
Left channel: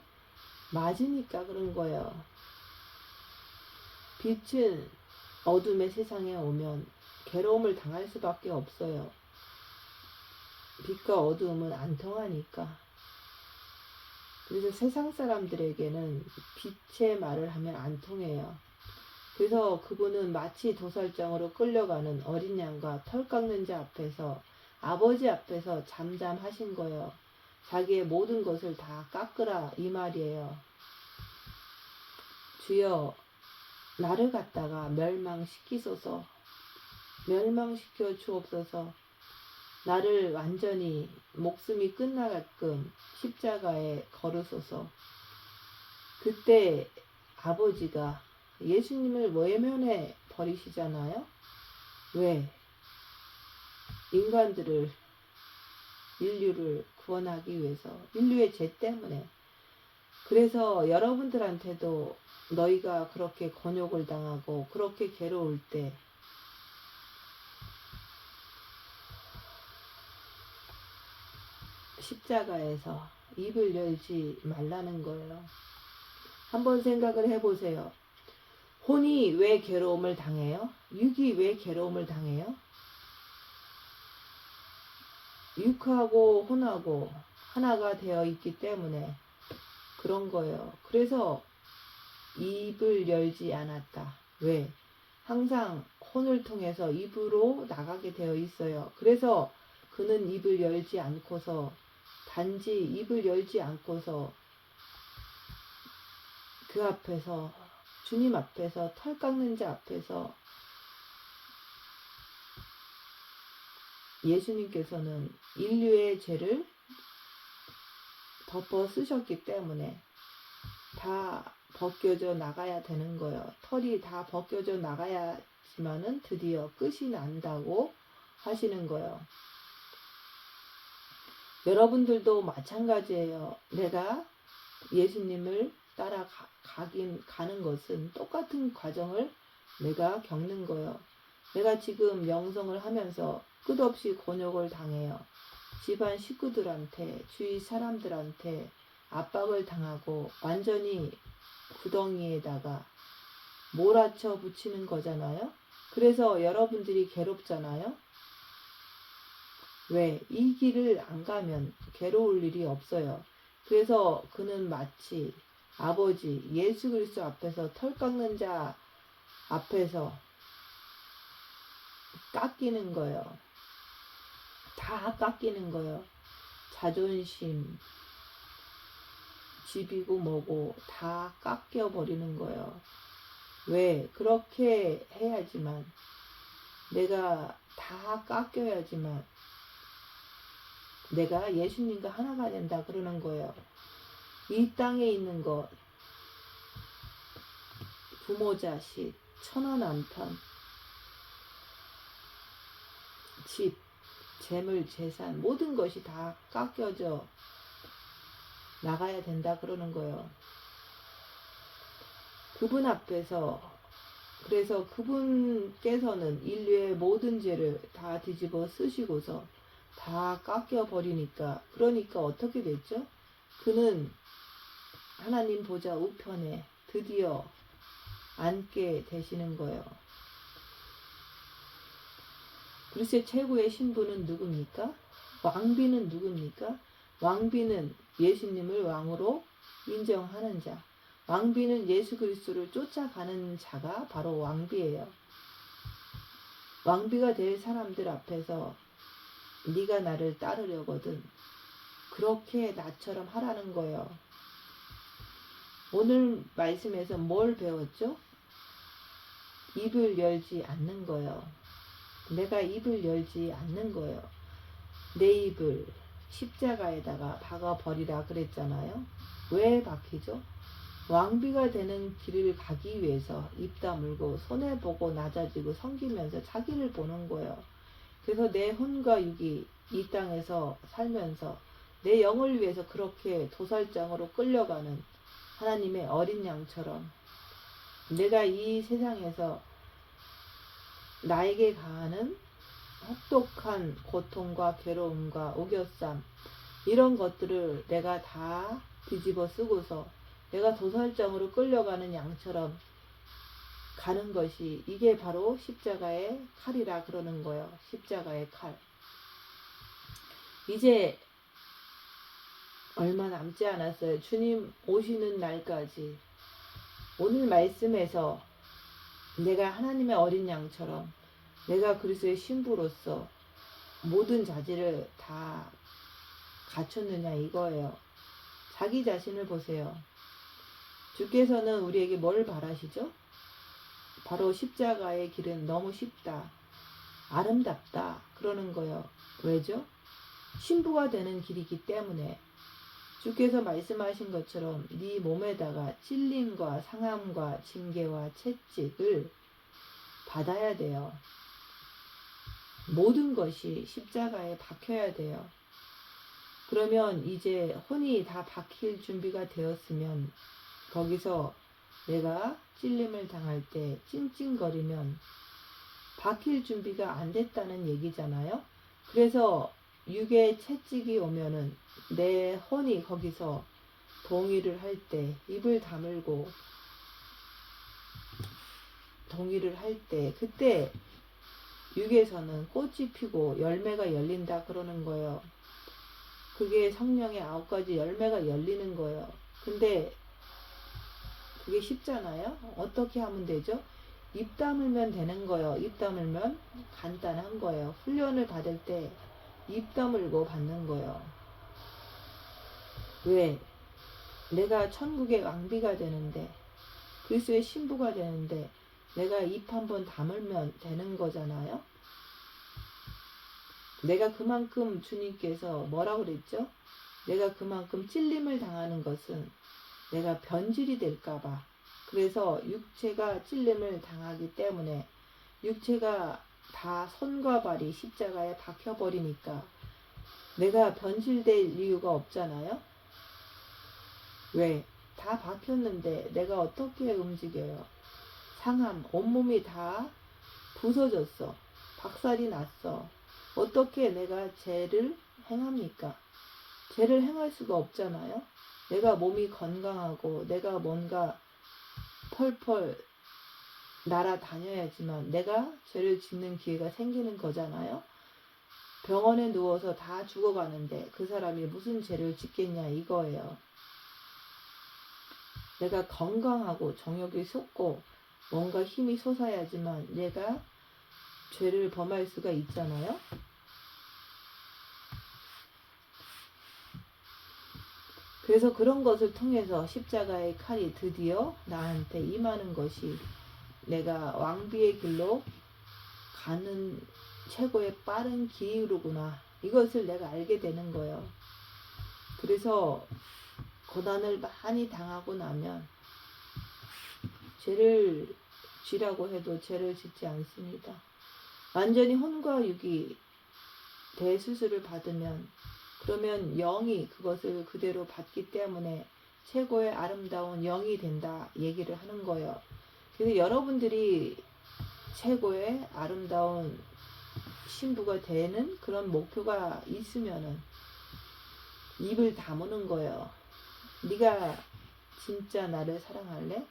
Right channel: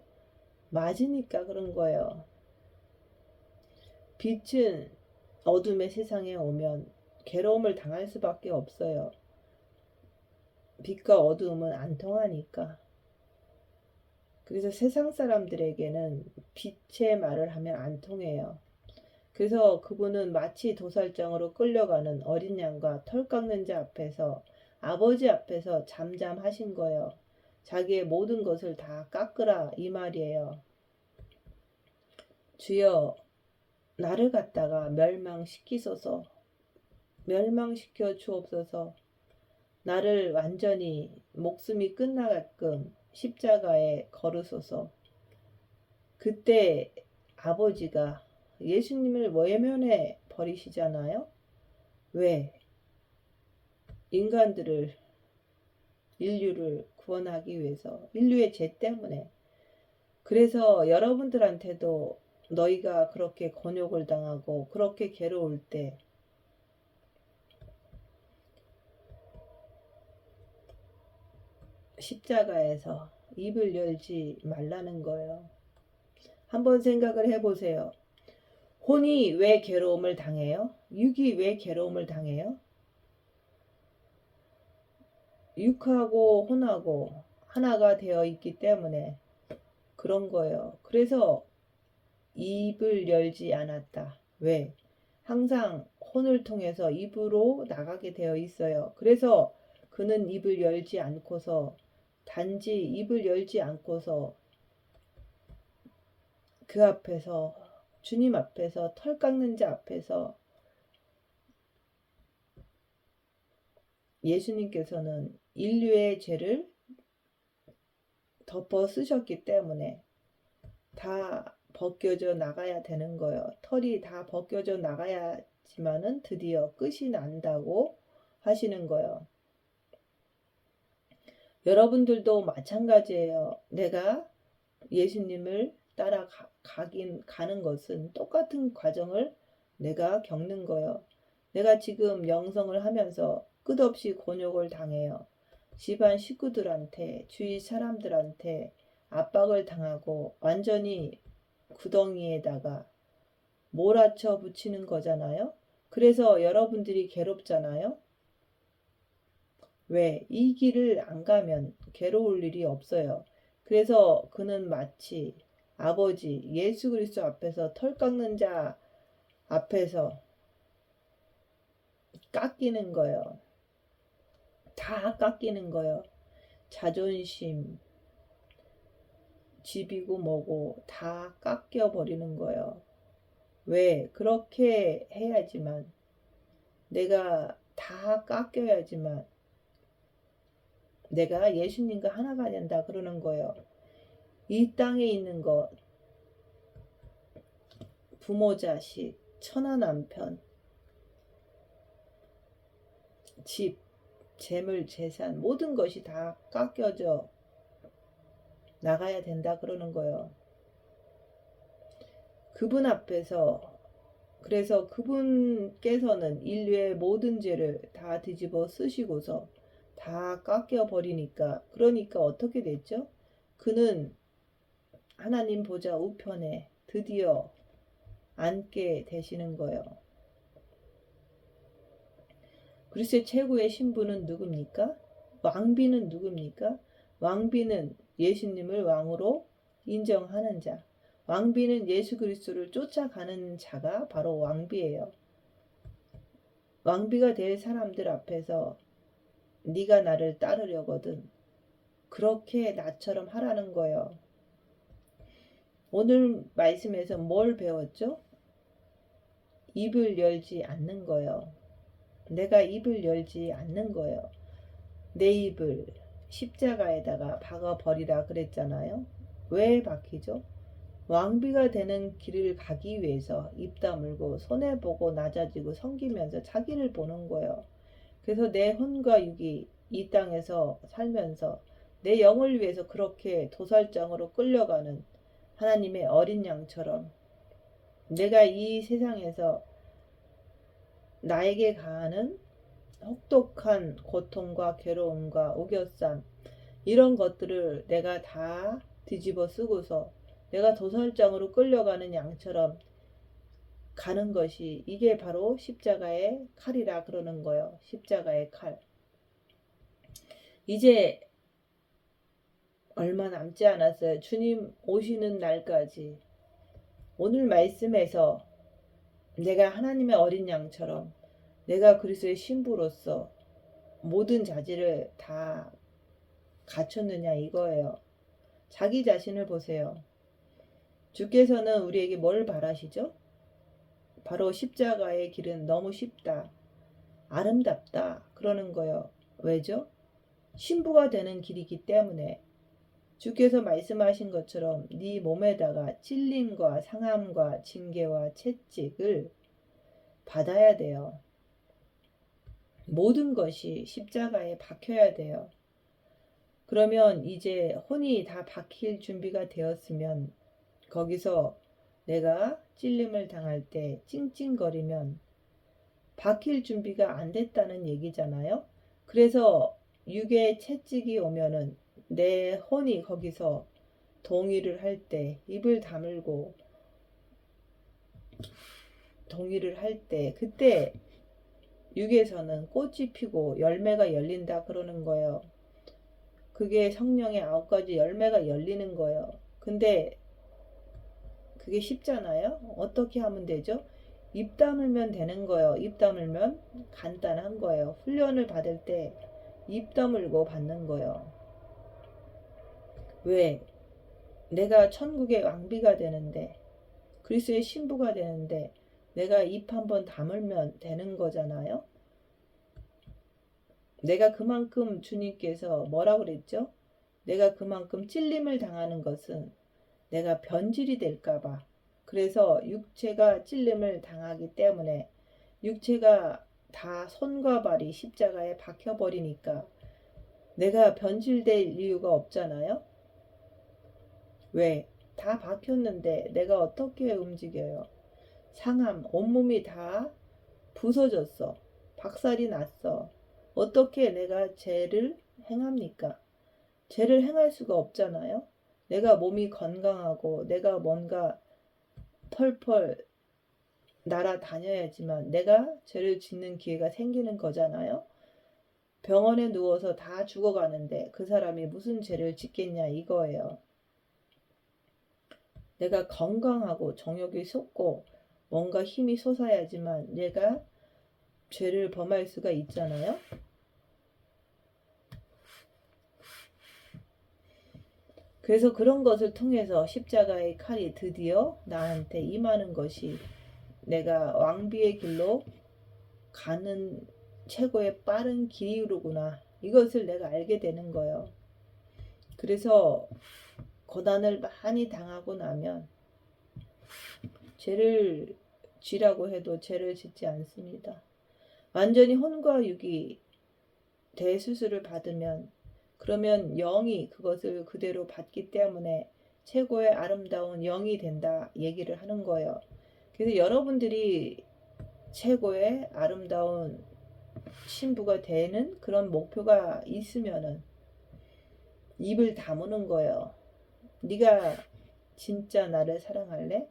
맞으니까 그런 거예요. 빛은 어둠의 세상에 오면 괴로움을 당할 수밖에 없어요. 빛과 어두움은 안 통하니까. 그래서 세상 사람들에게는 빛의 말을 하면 안 통해요. 그래서 그분은 마치 도살장으로 끌려가는 어린 양과 털 깎는 자 앞에서 아버지 앞에서 잠잠하신 거예요. 자기의 모든 것을 다 깎으라 이 말이에요. 주여 나를 갖다가 멸망시키소서. 멸망시켜 주옵소서. 나를 완전히 목숨이 끝나게끔 십자가에 거르소서. 그때 아버지가 예수님을 외면해 버리시잖아요. 왜? 인간들을, 인류를 구원하기 위해서, 인류의 죄 때문에. 그래서 여러분들한테도 너희가 그렇게 곤욕을 당하고 그렇게 괴로울 때 십자가에서 입을 열지 말라는 거예요. 한번 생각을 해보세요. 혼이 왜 괴로움을 당해요? 육이 왜 괴로움을 당해요? 육하고 혼하고 하나가 되어 있기 때문에 그런 거예요. 그래서 입을 열지 않았다. 왜? 항상 혼을 통해서 입으로 나가게 되어 있어요. 그래서 그는 입을 열지 않고서 단지 입을 열지 않고서 그 앞에서 주님 앞에서 털 깎는 자 앞에서 예수님께서는 인류의 죄를 덮어 쓰셨기 때문에 다 벗겨져 나가야 되는 거예요. 털이 다 벗겨져 나가야지만은 드디어 끝이 난다고 하시는 거예요. 여러분들도 마찬가지예요. 내가 예수님을 가는 것은 똑같은 과정을 내가 겪는 거예요. 내가 지금 영성을 하면서 끝없이 곤욕을 당해요. 집안 식구들한테, 주위 사람들한테 압박을 당하고 완전히 구덩이에다가 몰아쳐 붙이는 거잖아요. 그래서 여러분들이 괴롭잖아요. 왜? 이 길을 안 가면 괴로울 일이 없어요. 그래서 그는 마치 아버지 예수 그리스도 앞에서 털 깎는 자 앞에서 깎이는 거예요. 다 깎이는 거예요. 자존심, 집이고 뭐고 다 깎여 버리는 거예요. 왜? 그렇게 해야지만 내가 다 깎여야지만 내가 예수님과 하나가 된다 그러는 거예요. 이 땅에 있는 것, 부모 자식, 처나 남편, 집, 재물, 재산 모든 것이 다 깎여져 나가야 된다 그러는 거예요. 그분 앞에서 그래서 그분께서는 인류의 모든 죄를 다 뒤집어 쓰시고서 다 깎여 버리니까 그러니까 어떻게 됐죠? 그는 하나님 보좌 우편에 드디어 앉게 되시는 거예요. 그리스도의 최고의 신부는 누굽니까? 왕비는 누굽니까? 왕비는 예수님을 왕으로 인정하는 자. 왕비는 예수 그리스도를 쫓아가는 자가 바로 왕비예요. 왕비가 될 사람들 앞에서 네가 나를 따르려거든 그렇게 나처럼 하라는 거예요. 오늘 말씀에서 뭘 배웠죠? 입을 열지 않는 거예요. 내가 입을 열지 않는 거예요. 내 입을 십자가에다가 박아버리라 그랬잖아요. 왜 박히죠? 왕비가 되는 길을 가기 위해서 입 다물고 손해보고 낮아지고 섬기면서 자기를 보는 거예요. 그래서 내 혼과 육이 이 땅에서 살면서 내 영을 위해서 그렇게 도살장으로 끌려가는 하나님의 어린 양처럼 내가 이 세상에서 나에게 가하는 혹독한 고통과 괴로움과 우겨쌈 이런 것들을 내가 다 뒤집어 쓰고서 내가 도살장으로 끌려가는 양처럼 가는 것이 이게 바로 십자가의 칼이라 그러는 거예요. 십자가의 칼. 이제 얼마 남지 않았어요. 주님 오시는 날까지. 오늘 말씀에서 내가 하나님의 어린 양처럼 내가 그리스도의 신부로서 모든 자질을 다 갖췄느냐 이거예요. 자기 자신을 보세요. 주께서는 우리에게 뭘 바라시죠? 바로 십자가의 길은 너무 쉽다. 아름답다. 그러는 거예요. 왜죠? 신부가 되는 길이기 때문에 주께서 말씀하신 것처럼 네 몸에다가 찔림과 상함과 징계와 채찍을 받아야 돼요. 모든 것이 십자가에 박혀야 돼요. 그러면 이제 혼이 다 박힐 준비가 되었으면 거기서 내가 찔림을 당할 때 찡찡거리면 박힐 준비가 안 됐다는 얘기잖아요. 그래서 육의 채찍이 오면은 내 혼이 거기서 동의를 할 때 입을 다물고 동의를 할 때 그때 육에서는 꽃이 피고 열매가 열린다 그러는 거예요. 그게 성령의 9가지 열매가 열리는 거예요. 근데 그게 쉽잖아요. 어떻게 하면 되죠? 입 다물면 되는 거예요. 입 다물면 간단한 거예요. 훈련을 받을 때 입 다물고 받는 거예요. 왜? 내가 천국의 왕비가 되는데 그리스도의 신부가 되는데 내가 입 한번 다물면 되는 거잖아요. 내가 그만큼 주님께서 뭐라고 그랬죠? 내가 그만큼 찔림을 당하는 것은 내가 변질이 될까봐. 그래서 육체가 찔림을 당하기 때문에 육체가 다 손과 발이 십자가에 박혀버리니까 내가 변질될 이유가 없잖아요. 왜? 다 박혔는데 내가 어떻게 움직여요? 상함, 온몸이 다 부서졌어. 박살이 났어. 어떻게 내가 죄를 행합니까? 죄를 행할 수가 없잖아요. 내가 몸이 건강하고 내가 뭔가 펄펄 날아다녀야지만 내가 죄를 짓는 기회가 생기는 거잖아요. 병원에 누워서 다 죽어가는데 그 사람이 무슨 죄를 짓겠냐 이거예요. 내가 건강하고 정욕이 솟고 뭔가 힘이 솟아야지만 내가 죄를 범할 수가 있잖아요. 그래서 그런 것을 통해서 십자가의 칼이 드디어 나한테 임하는 것이 내가 왕비의 길로 가는 최고의 빠른 길이로구나. 이것을 내가 알게 되는 거예요. 그래서 고난을 많이 당하고 나면 죄를 지라고 해도 죄를 짓지 않습니다. 완전히 혼과 육이 대수술을 받으면 그러면 영이 그것을 그대로 받기 때문에 최고의 아름다운 영이 된다 얘기를 하는 거예요. 그래서 여러분들이 최고의 아름다운 신부가 되는 그런 목표가 있으면은 입을 다무는 거예요. 네가 진짜 나를 사랑할래?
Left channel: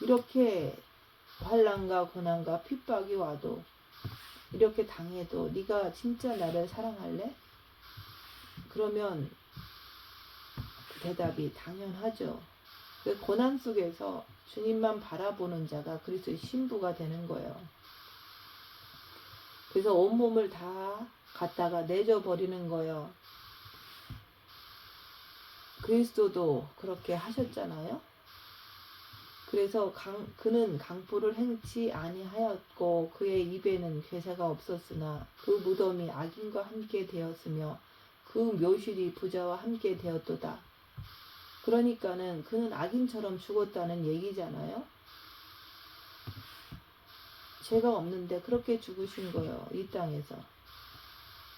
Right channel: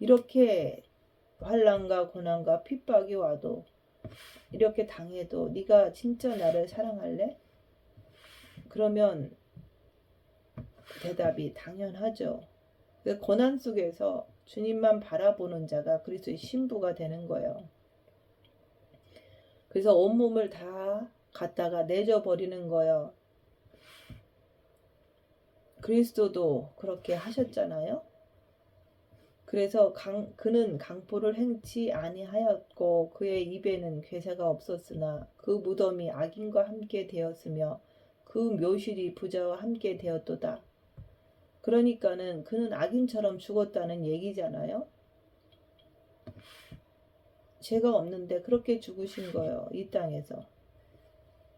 이렇게 환난과 고난과 핍박이 와도 이렇게 당해도 네가 진짜 나를 사랑할래? 그러면 대답이 당연하죠. 그 고난 속에서 주님만 바라보는 자가 그리스도의 신부가 되는 거예요. 그래서 온몸을 다 갖다가 내줘버리는 거예요. 그리스도도 그렇게 하셨잖아요. 그래서 그는 강포를 행치 아니하였고 그의 입에는 괴사가 없었으나 그 무덤이 악인과 함께 되었으며 그 묘실이 부자와 함께 되었도다. 그러니까는 그는 악인처럼 죽었다는 얘기잖아요. 죄가 없는데 그렇게 죽으신 거예요. 이 땅에서.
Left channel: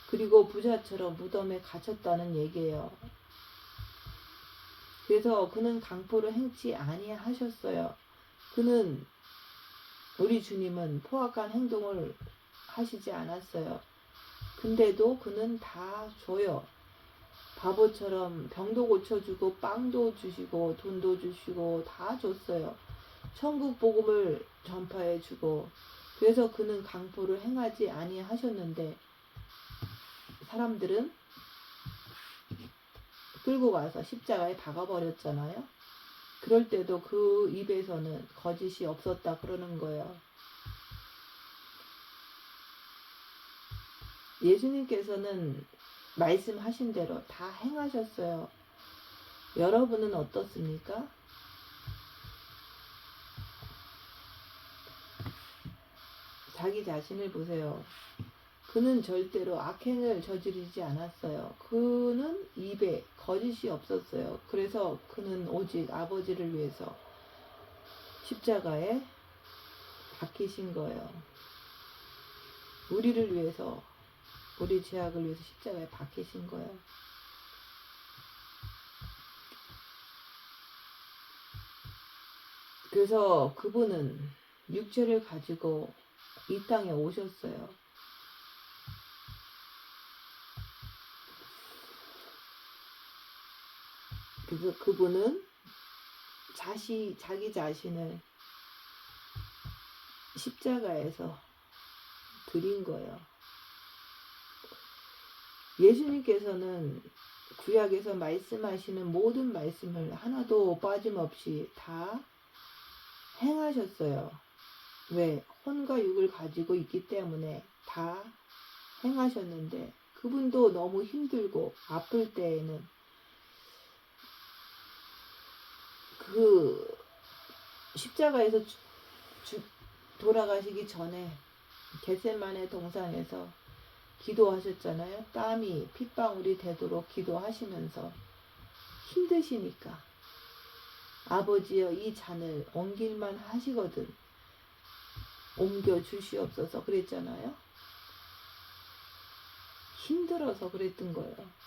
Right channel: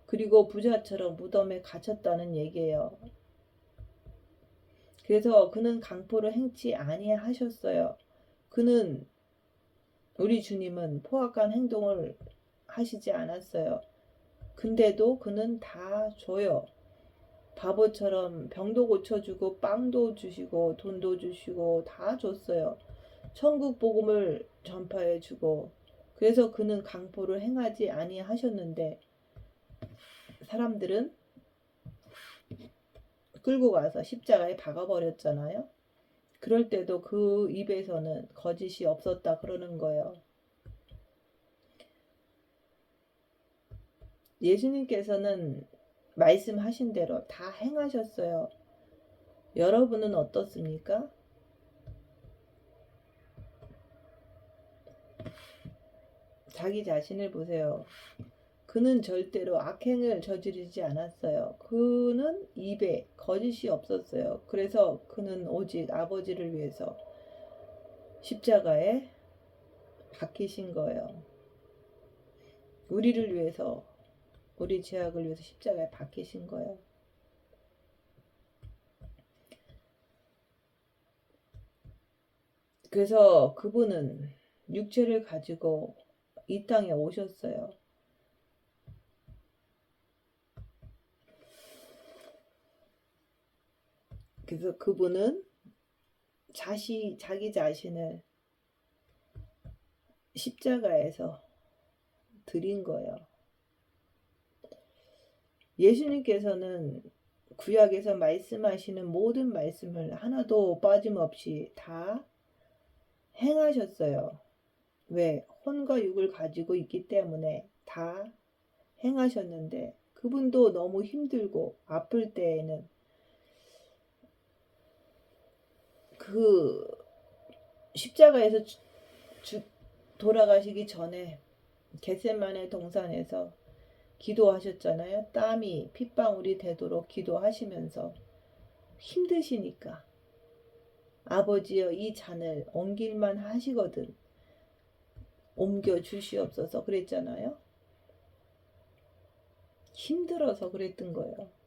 그리고 부자처럼 무덤에 갇혔다는 얘기예요. 그래서 그는 강포를 행치 아니하셨어요. 그는 우리 주님은 포악한 행동을 하시지 않았어요. 근데도 그는 다 줘요. 바보처럼 병도 고쳐주고 빵도 주시고 돈도 주시고 다 줬어요. 천국 복음을 전파해주고. 그래서 그는 강포를 행하지 아니하셨는데 사람들은 끌고 가서 십자가에 박아버렸잖아요. 그럴 때도 그 입에서는 거짓이 없었다 그러는 거예요. 예수님께서는 말씀하신 대로 다 행하셨어요. 여러분은 어떻습니까? 자기 자신을 보세요. 그는 절대로 악행을 저지르지 않았어요. 그는 입에 거짓이 없었어요. 그래서 그는 오직 아버지를 위해서 십자가에 박히신 거예요. 우리를 위해서, 우리 죄악을 위해서 십자가에 박히신 거예요. 그래서 그분은 육체를 가지고 이 땅에 오셨어요. 그래서 그분은 자기 자신을 십자가에서 드린 거예요. 예수님께서는 구약에서 말씀하시는 모든 말씀을 하나도 빠짐없이 다 행하셨어요. 왜? 혼과 육을 가지고 있기 때문에 다 행하셨는데 그분도 너무 힘들고 아플 때에는 그 십자가에서 돌아가시기 전에 겟세마네 동산에서 기도하셨잖아요. 땀이 핏방울이 되도록 기도하시면서 힘드시니까 아버지여 이 잔을 옮길만 하시거든 옮겨 주시옵소서 그랬잖아요. 힘들어서 그랬던 거예요.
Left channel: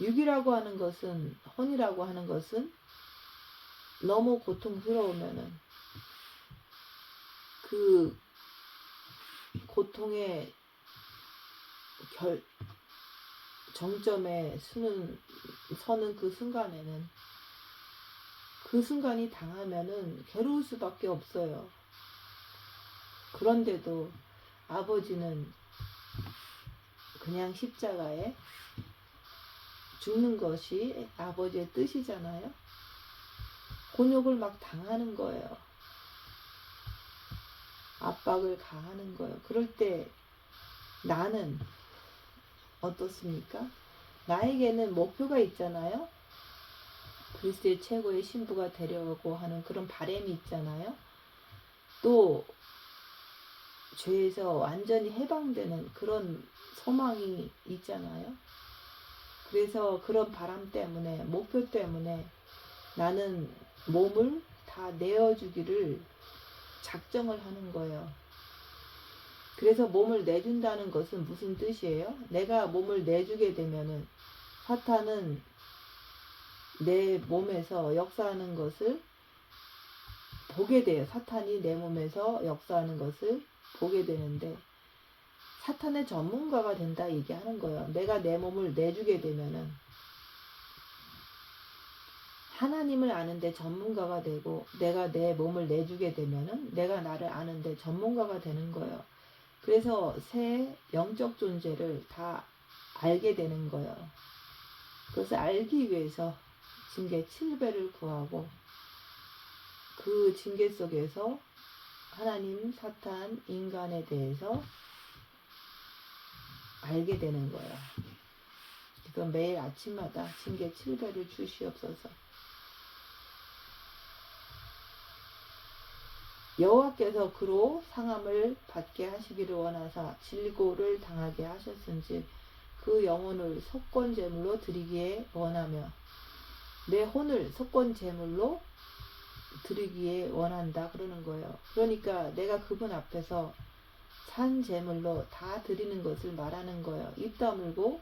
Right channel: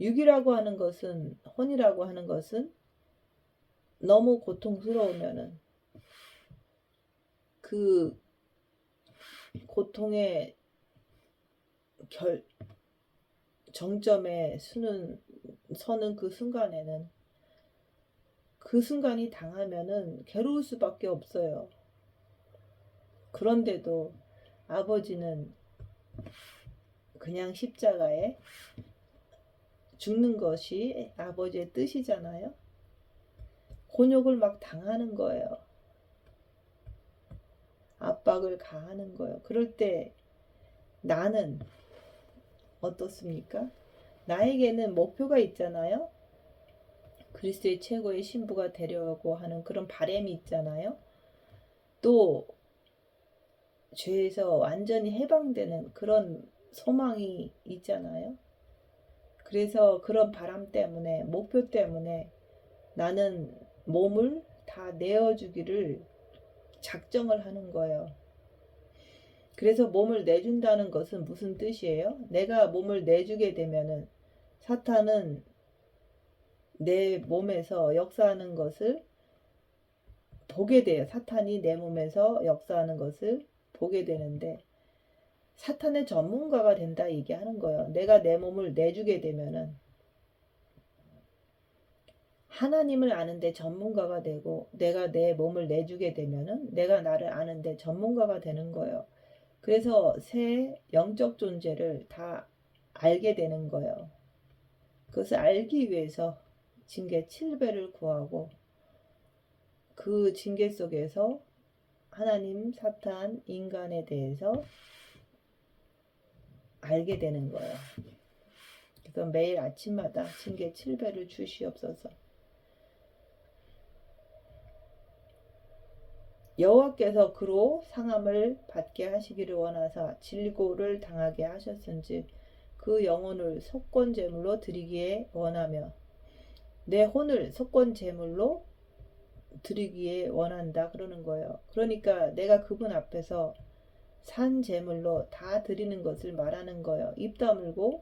육이라고 하는 것은, 혼이라고 하는 것은 너무 고통스러우면은 그 고통의 정점에 서는 그 순간에는 그 순간이 당하면은 괴로울 수밖에 없어요. 그런데도 아버지는 그냥 십자가에 죽는 것이 아버지의 뜻이잖아요. 곤욕을 막 당하는 거예요. 압박을 가하는 거예요. 그럴 때 나는 어떻습니까? 나에게는 목표가 있잖아요. 그리스도의 최고의 신부가 되려고 하는 그런 바람이 있잖아요. 또 죄에서 완전히 해방되는 그런 소망이 있잖아요. 그래서 그런 바람 때문에, 목표 때문에 나는 몸을 다 내어주기를 작정을 하는 거예요. 그래서 몸을 내준다는 것은 무슨 뜻이에요? 내가 몸을 내주게 되면은 사탄은 내 몸에서 역사하는 것을 보게 돼요. 사탄이 내 몸에서 역사하는 것을 보게 되는데 사탄의 전문가가 된다 얘기하는 거예요. 내가 내 몸을 내주게 되면은 하나님을 아는데 전문가가 되고 내가 내 몸을 내주게 되면은 내가 나를 아는데 전문가가 되는 거예요. 그래서 새 영적 존재를 다 알게 되는 거예요. 그것을 알기 위해서 징계 7배를 구하고 그 징계 속에서 하나님, 사탄, 인간에 대해서 알게 되는 거예요. 그래서 매일 아침마다 징계 7배를 주시옵소서. 여호와께서 그로 상함을 받게 하시기를 원하사 질고를 당하게 하셨은지 그 영혼을 속건 제물로 드리기에 원하며 내 혼을 속건 제물로 드리기에 원한다 그러는 거예요. 그러니까 내가 그분 앞에서 산 제물로 다 드리는 것을 말하는 거예요. 입 다물고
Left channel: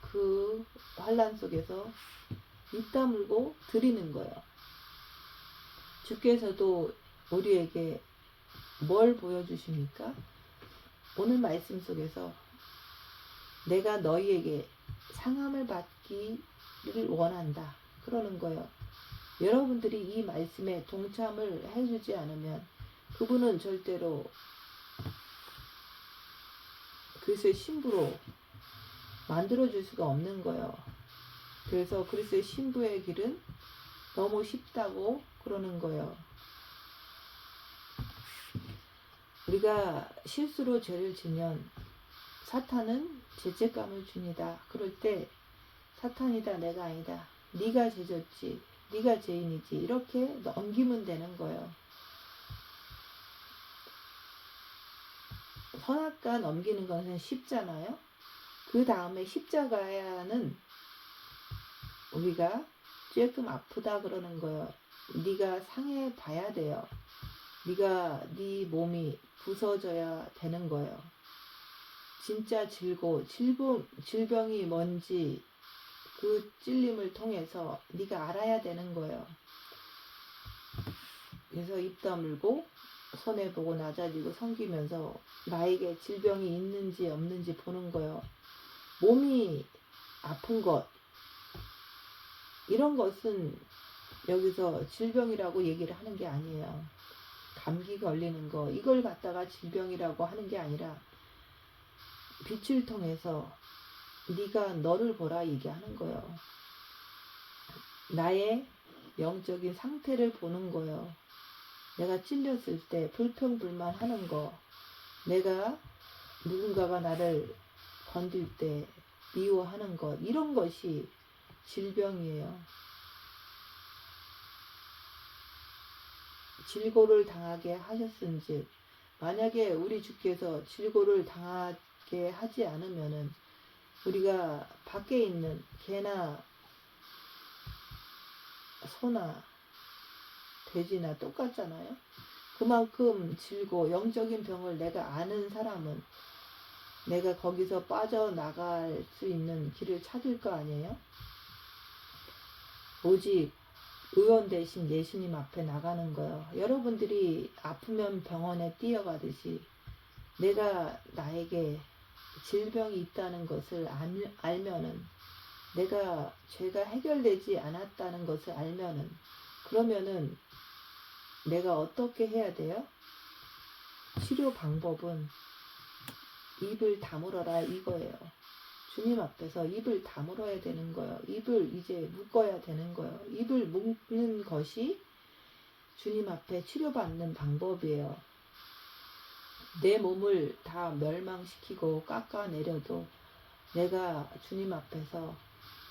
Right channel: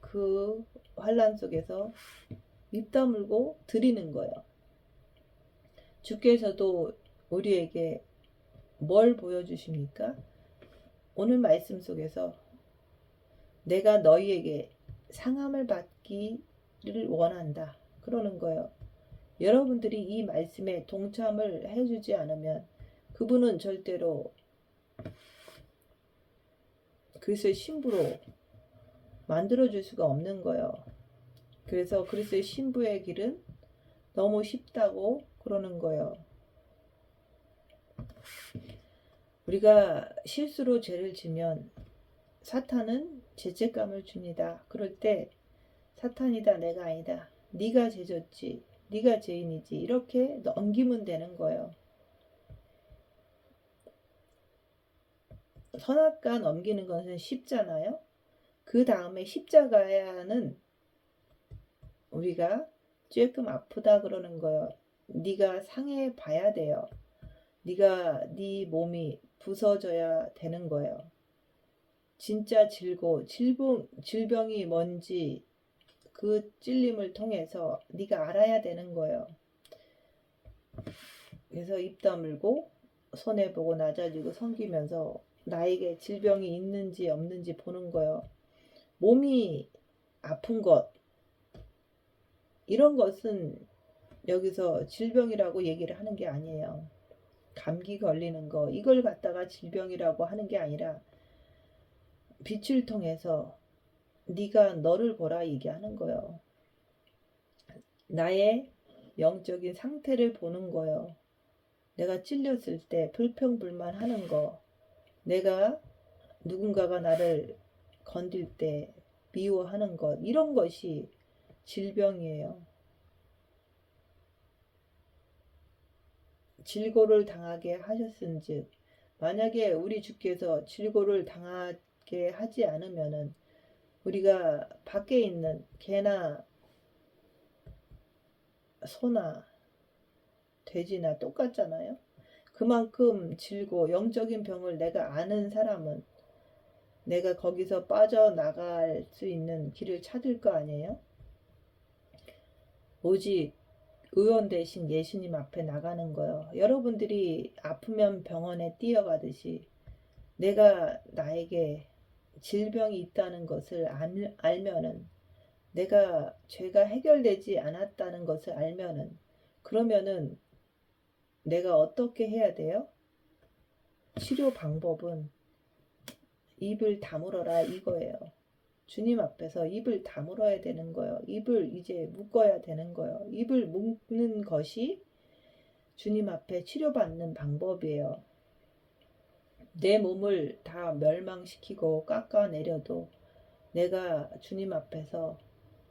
그 환난 속에서 입 다물고 드리는 거예요. 주께서도 우리에게 뭘 보여주십니까? 오늘 말씀 속에서 내가 너희에게 상함을 받기를 원한다 그러는 거예요. 여러분들이 이 말씀에 동참을 해주지 않으면 그분은 절대로 그리스도의 신부로 만들어줄 수가 없는 거예요. 그래서 그리스도의 신부의 길은 너무 쉽다고 그러는 거예요. 우리가 실수로 죄를 지면 사탄은 죄책감을 줍니다. 그럴 때 사탄이다 내가 아니다. 네가 죄졌지. 네가 죄인이지. 이렇게 넘기면 되는 거예요. 선악과 넘기는 것은 쉽잖아요. 그 다음에 십자가는 우리가 조금 아프다 그러는 거예요. 네가 상해 봐야 돼요. 네 몸이 부서져야 되는 거예요. 진짜 질병이 뭔지 그 찔림을 통해서 네가 알아야 되는 거예요. 그래서 입 다물고 손해보고 낮아지고 섬기면서 나에게 질병이 있는지 없는지 보는 거예요. 몸이 아픈 것 이런 것은 여기서 질병이라고 얘기를 하는 게 아니에요. 감기 걸리는 거 이걸 갖다가 질병이라고 하는 게 아니라 빛을 통해서 네가 너를 보라 얘기하는 거예요. 나의 영적인 상태를 보는 거예요. 내가 찔렸을 때 불평불만하는 거, 내가 누군가가 나를 건들 때 미워하는 것, 이런 것이 질병이에요. 질고를 당하게 하셨은즉 만약에 우리 주께서 질고를 당하게 하지 않으면은 우리가 밖에 있는 개나 소나 돼지나 똑같잖아요. 그만큼 질고 영적인 병을 내가 아는 사람은 내가 거기서 빠져나갈 수 있는 길을 찾을 거 아니에요. 오직 의원 대신 예수님 앞에 나가는 거예요. 여러분들이 아프면 병원에 뛰어가듯이 내가 나에게 질병이 있다는 것을 알면은 내가 죄가 해결되지 않았다는 것을 알면은 그러면은 내가 어떻게 해야 돼요? 치료 방법은 입을 다물어라 이거예요. 주님 앞에서 입을 다물어야 되는 거예요. 입을 이제 묶어야 되는 거예요. 입을 묶는 것이 주님 앞에 치료받는 방법이에요. 내 몸을 다 멸망시키고 깎아내려도 내가 주님 앞에서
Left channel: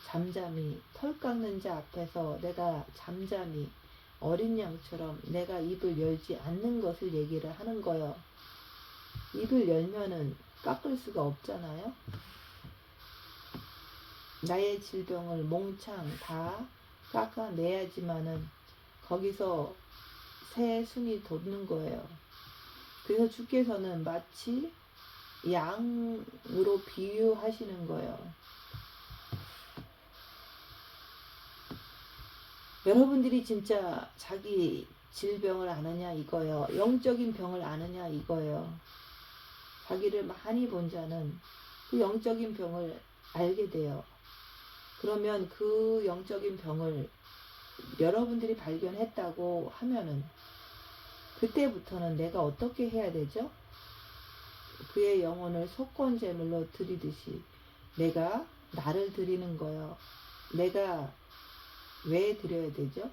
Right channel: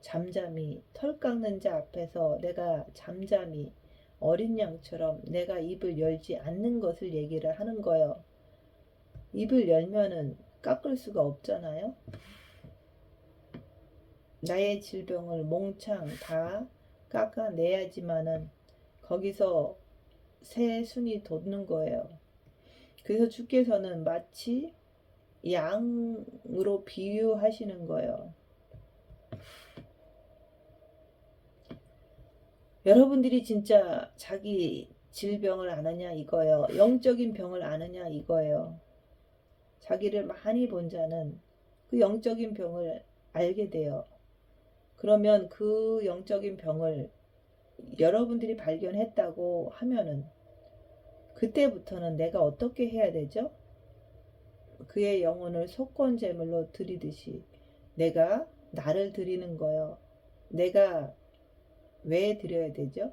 잠잠히 털 깎는 자 앞에서 내가 잠잠히 어린 양처럼 내가 입을 열지 않는 것을 얘기를 하는 거예요. 입을 열면은 깎을 수가 없잖아요. 나의 질병을 몽창 다 깎아내야지만은 거기서 새 순이 돋는 거예요. 그래서 주께서는 마치 양으로 비유하시는 거예요. 여러분들이 진짜 자기 질병을 아느냐 이거예요. 영적인 병을 아느냐 이거예요. 자기를 많이 본 자는 그 영적인 병을 알게 돼요. 그러면 그 영적인 병을 여러분들이 발견했다고 하면은 그때부터는 내가 어떻게 해야 되죠? 그의 영혼을 속건 제물로 드리듯이 내가 나를 드리는 거예요. 내가 왜 드려야 되죠?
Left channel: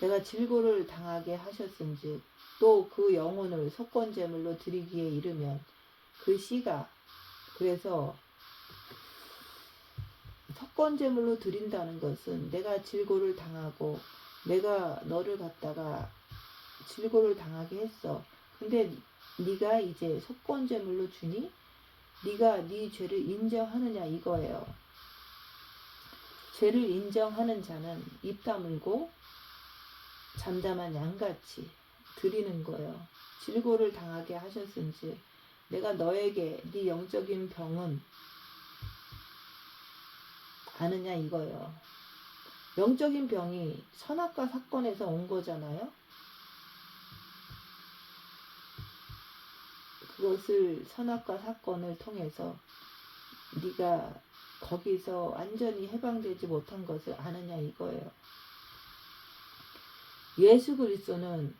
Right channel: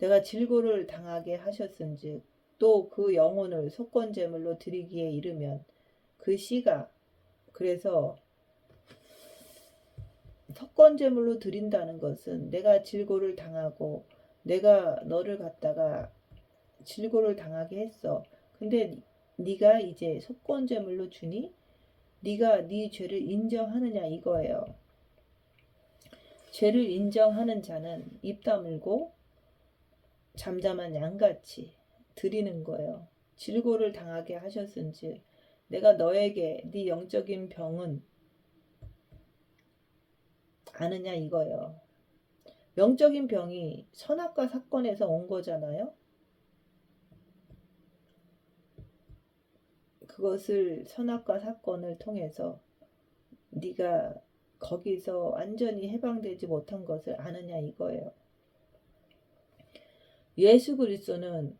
내가 질고를 당하게 하셨은즉 또 그 영혼을 속건제물로 드리기에 이르면 그 씨가, 그래서 속건제물로 드린다는 것은 내가 질고를 당하고 내가 너를 갖다가 질고를 당하게 했어. 근데 네가 이제 속건제물로 주니 네가 네 죄를 인정하느냐 이거예요. 죄를 인정하는 자는 입 다물고 잠잠한 양같이 드리는 거예요. 질고를 당하게 하셨은지 내가 너에게 네 영적인 병은 아느냐 이거예요. 영적인 병이 선악과 사건에서 온 거잖아요. 그것을 선악과 사건을 통해서 네가 거기서 완전히 해방되지 못한 것을 아느냐 이거예요. 예수 그리스도는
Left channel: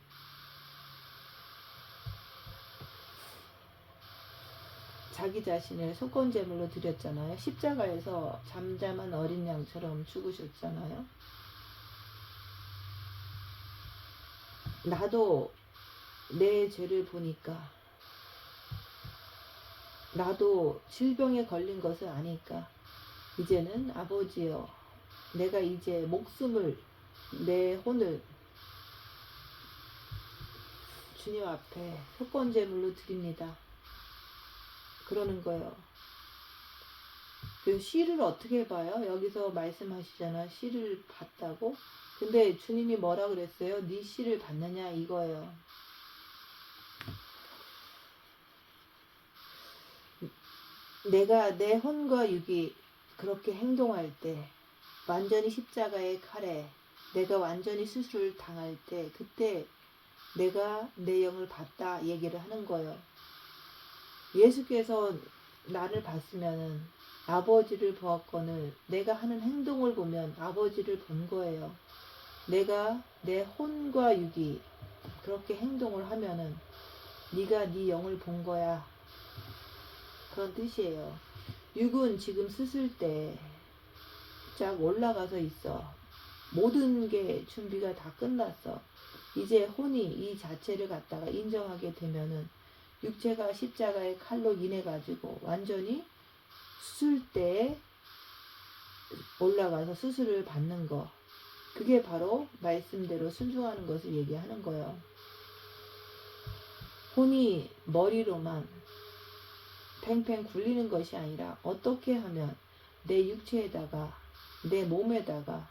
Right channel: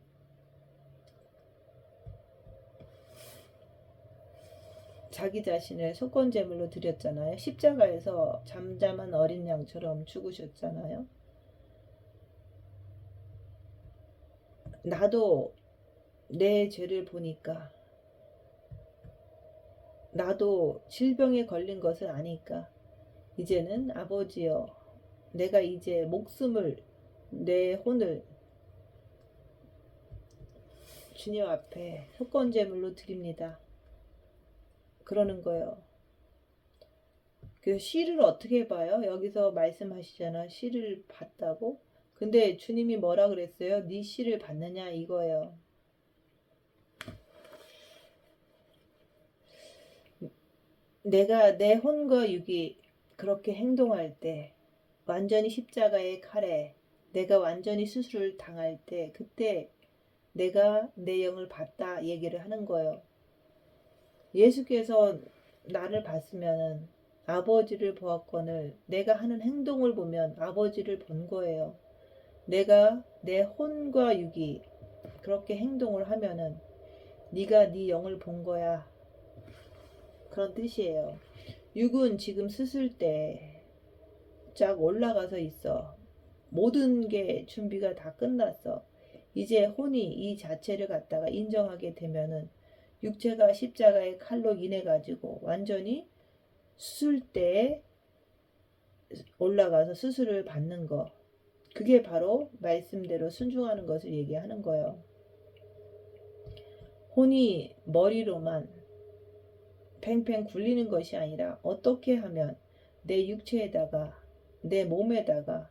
자기 자신을 속건제물로 드렸잖아요. 십자가에서 잠잠한 어린 양처럼 죽으셨잖아요. 나도 내 죄를 보니까, 나도 질병에 걸린 것을 아니까 이제는 아버지여, 내가 이제 목숨을, 내 혼을 주님 앞에 속건제물로 드립니다. 그러는 거예요. 그 씨를 어떻게 봐요? 여기서 말씀하시잖아. 씨를 봤다고. 근데 주님이 뭐라 그랬어요? 네 씨를 받느냐 이거예요. 내가 내 혼과 육이 그렇게 행동할 때, 완전히 십자가의 칼에 내가 완전히 수술을 당할 때, 그때 내가 내 영을 받다 얘기를 하는 거예요. 예수께서 나를 봤으면 아버지를 보았거늘 내가 하는 행동을 보면 아버지를 본 거예요. 내가 내 혼과 육이 그렇게 행동을 하면은 네가 네 영을 본 거야. 그런 뜻이에요. 육은 지금 수술대 쫙 올라가서 있어. 모든 게 준비가 다 끝났어. 이제 혼이 이 자체를 갖다가 인정하게 되면은 육체가 십자가의 칼로 인해 가지고 완전히 수술대에 올라가서 수술을 받는 거. 그게 바로 말씀대로 순종하는 것을 얘기하는 거예요. 혼이 머리로만 팽팽 굴리는 것이 아니라 어떻게 하면 내 육체에다가, 내 몸에다가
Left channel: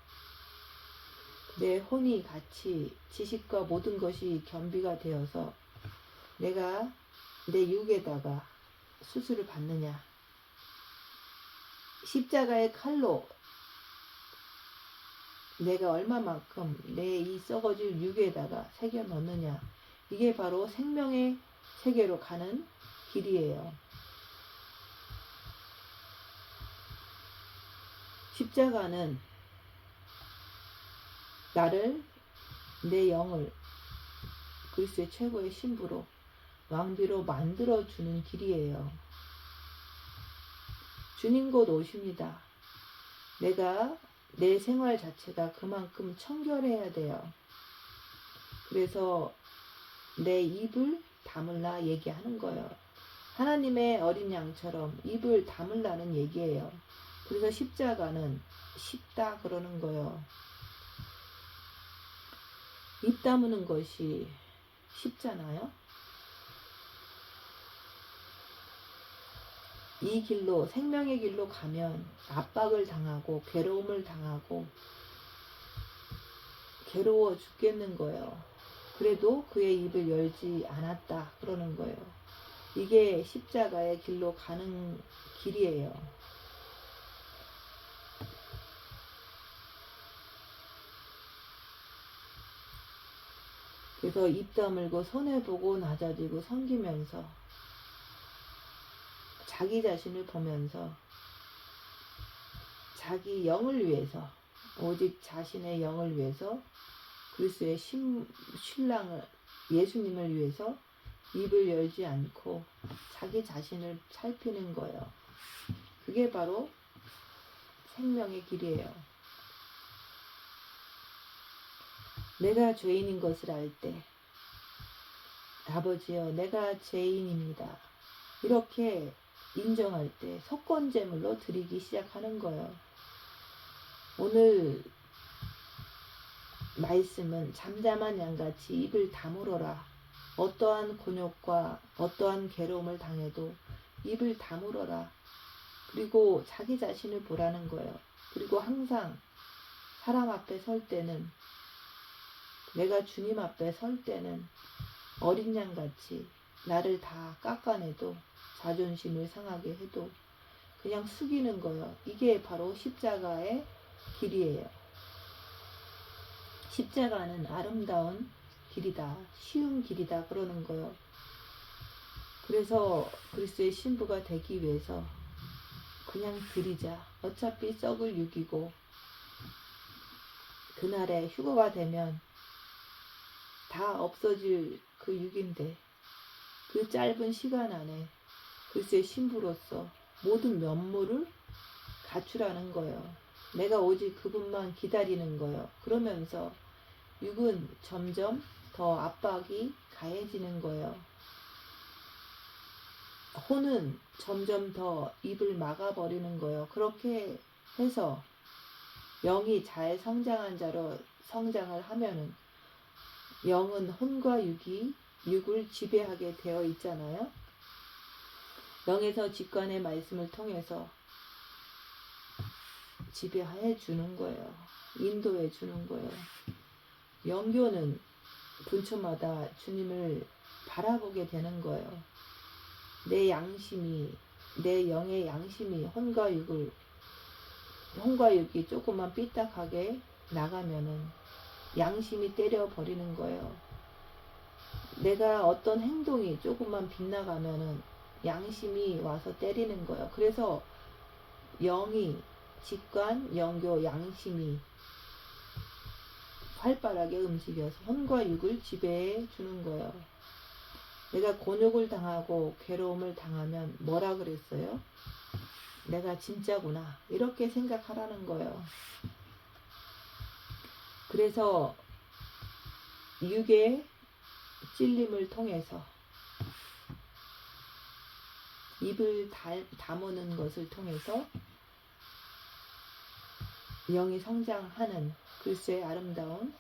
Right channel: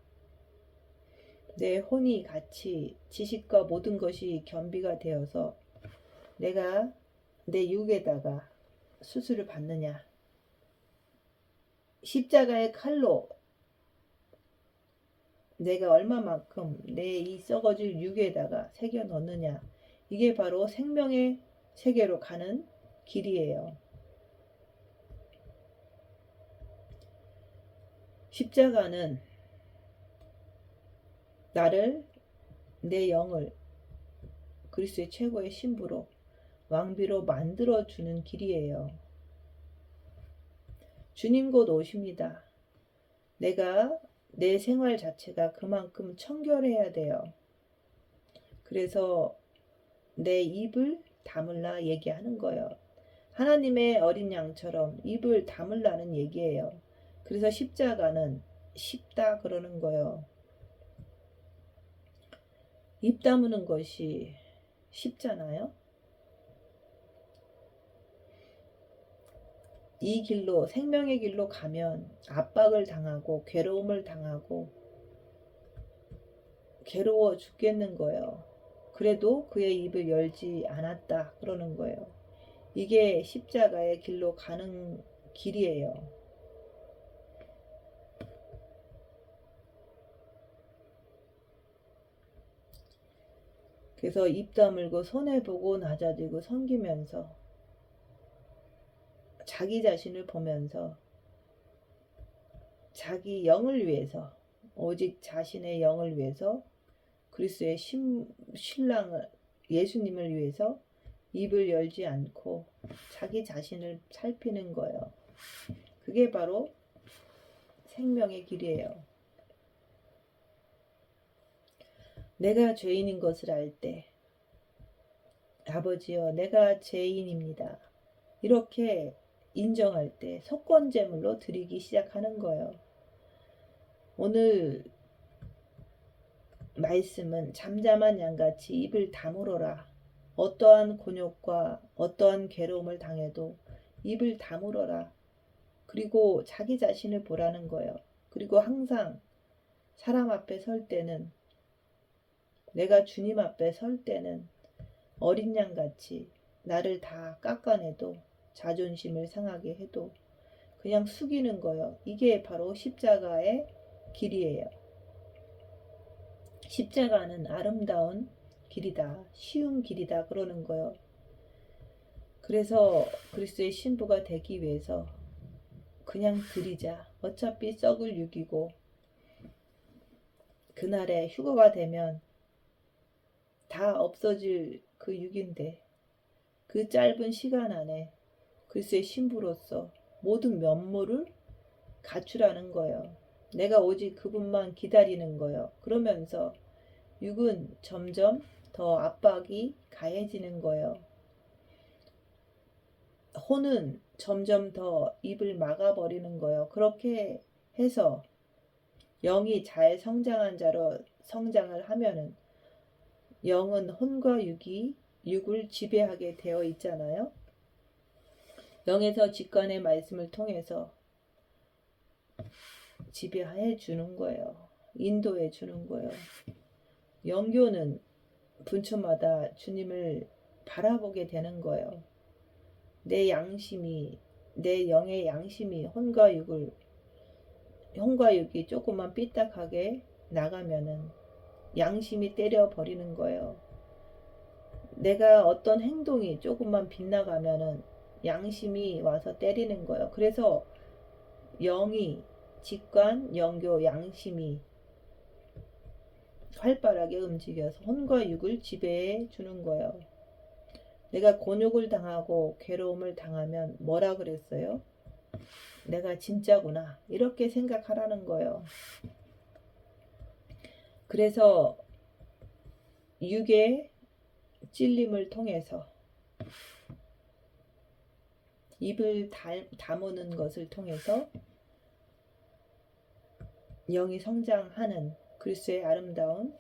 내 혼이 같이 지식과 모든 것이 겸비가 되어서 내가 내 육에다가 수술을 받느냐. 십자가의 칼로 내가 얼마만큼 내 이 썩어질 육에다가 새겨 넣느냐. 이게 바로 생명의 세계로 가는 길이에요. 십자가는 나를, 내 영을 그리스도의 최고의 신부로, 왕비로 만들어주는 길이에요. 주님 곧 오십니다. 내가 내 생활 자체가 그만큼 청결해야 돼요. 그래서 내 입을 다물라 얘기하는 거예요. 하나님의 어린 양처럼 입을 다물라는 얘기예요. 그래서 십자가는 쉽다 그러는 거예요. 입 다무는 것이 쉽잖아요. 이 길로, 생명의 길로 가면 압박을 당하고 괴로움을 당하고 괴로워 죽겠는 거예요. 그래도 그의 입을 열지 않았다 그러는 거예요. 이게 십자가의 길로 가는 길이에요. 그래서 입 다물고 손해보고 낮아지고 섬기면서 자기 자신을 보면서 자기 영을 위해서, 오직 자신의 영을 위해서, 그리스도의 신랑을, 예수님을 위해서 입을 열지 않고 자기 자신을 살피는 거예요. 그게 바로 생명의 길이에요. 내가 죄인인 것을 알 때, 아버지여 내가 죄인입니다. 이렇게 인정할 때 속건제물로 드리기 시작하는 거예요. 오늘 말씀은 잠잠한 양같이 입을 다물어라. 어떠한 곤욕과 어떠한 괴로움을 당해도 입을 다물어라. 그리고 자기 자신을 보라는 거예요. 그리고 항상 사람 앞에 설 때는, 내가 주님 앞에 설 때는 어린 양같이 나를 다 깎아내도 자존심을 상하게 해도 그냥 숙이는 거예요. 이게 바로 십자가의 길이에요. 십자가는 아름다운 길이다, 쉬운 길이다 그러는 거예요. 그래서 그리스도의 신부가 되기 위해서 그냥 드리자. 어차피 썩을 육이고 그날에 휴거가 되면 다 없어질 그 육인데 그 짧은 시간 안에 그리스도의 신부로서 모든 면모를 갖추라는 거예요. 내가 오직 그분만 기다리는 거예요. 그러면서 육은 점점 더 압박이 가해지는 거예요. 혼은 점점 더 입을 막아버리는 거예요. 그렇게 해서 영이 잘 성장한 자로 성장을 하면은 영은 혼과 육이 육을 지배하게 되어 있잖아요. 영에서 직관의 말씀을 통해서 지배해 주는 거예요. 인도해 주는 거예요. 영교는 분초마다 주님을 바라보게 되는 거예요. 내 양심이, 내 영의 양심이 혼과 육이 조금만 삐딱하게 나가면은 양심이 때려버리는 거예요. 내가 어떤 행동이 조금만 빗나가면은 양심이 와서 때리는 거예요. 그래서 영이, 직관, 영교, 양심이 활발하게 움직여서 혼과 육을 지배해 주는 거예요. 내가 곤욕을 당하고 괴로움을 당하면 뭐라 그랬어요? 내가 진짜구나. 이렇게 생각하라는 거예요. 그래서 육의 찔림을 통해서 입을 다무는 것을 통해서 영이 성장하는 그리스도의 아름다운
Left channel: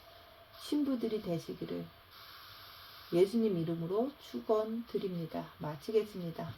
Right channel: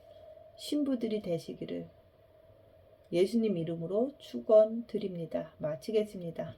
신부들이 되시기를 예수님 이름으로 축원드립니다. 마치겠습니다.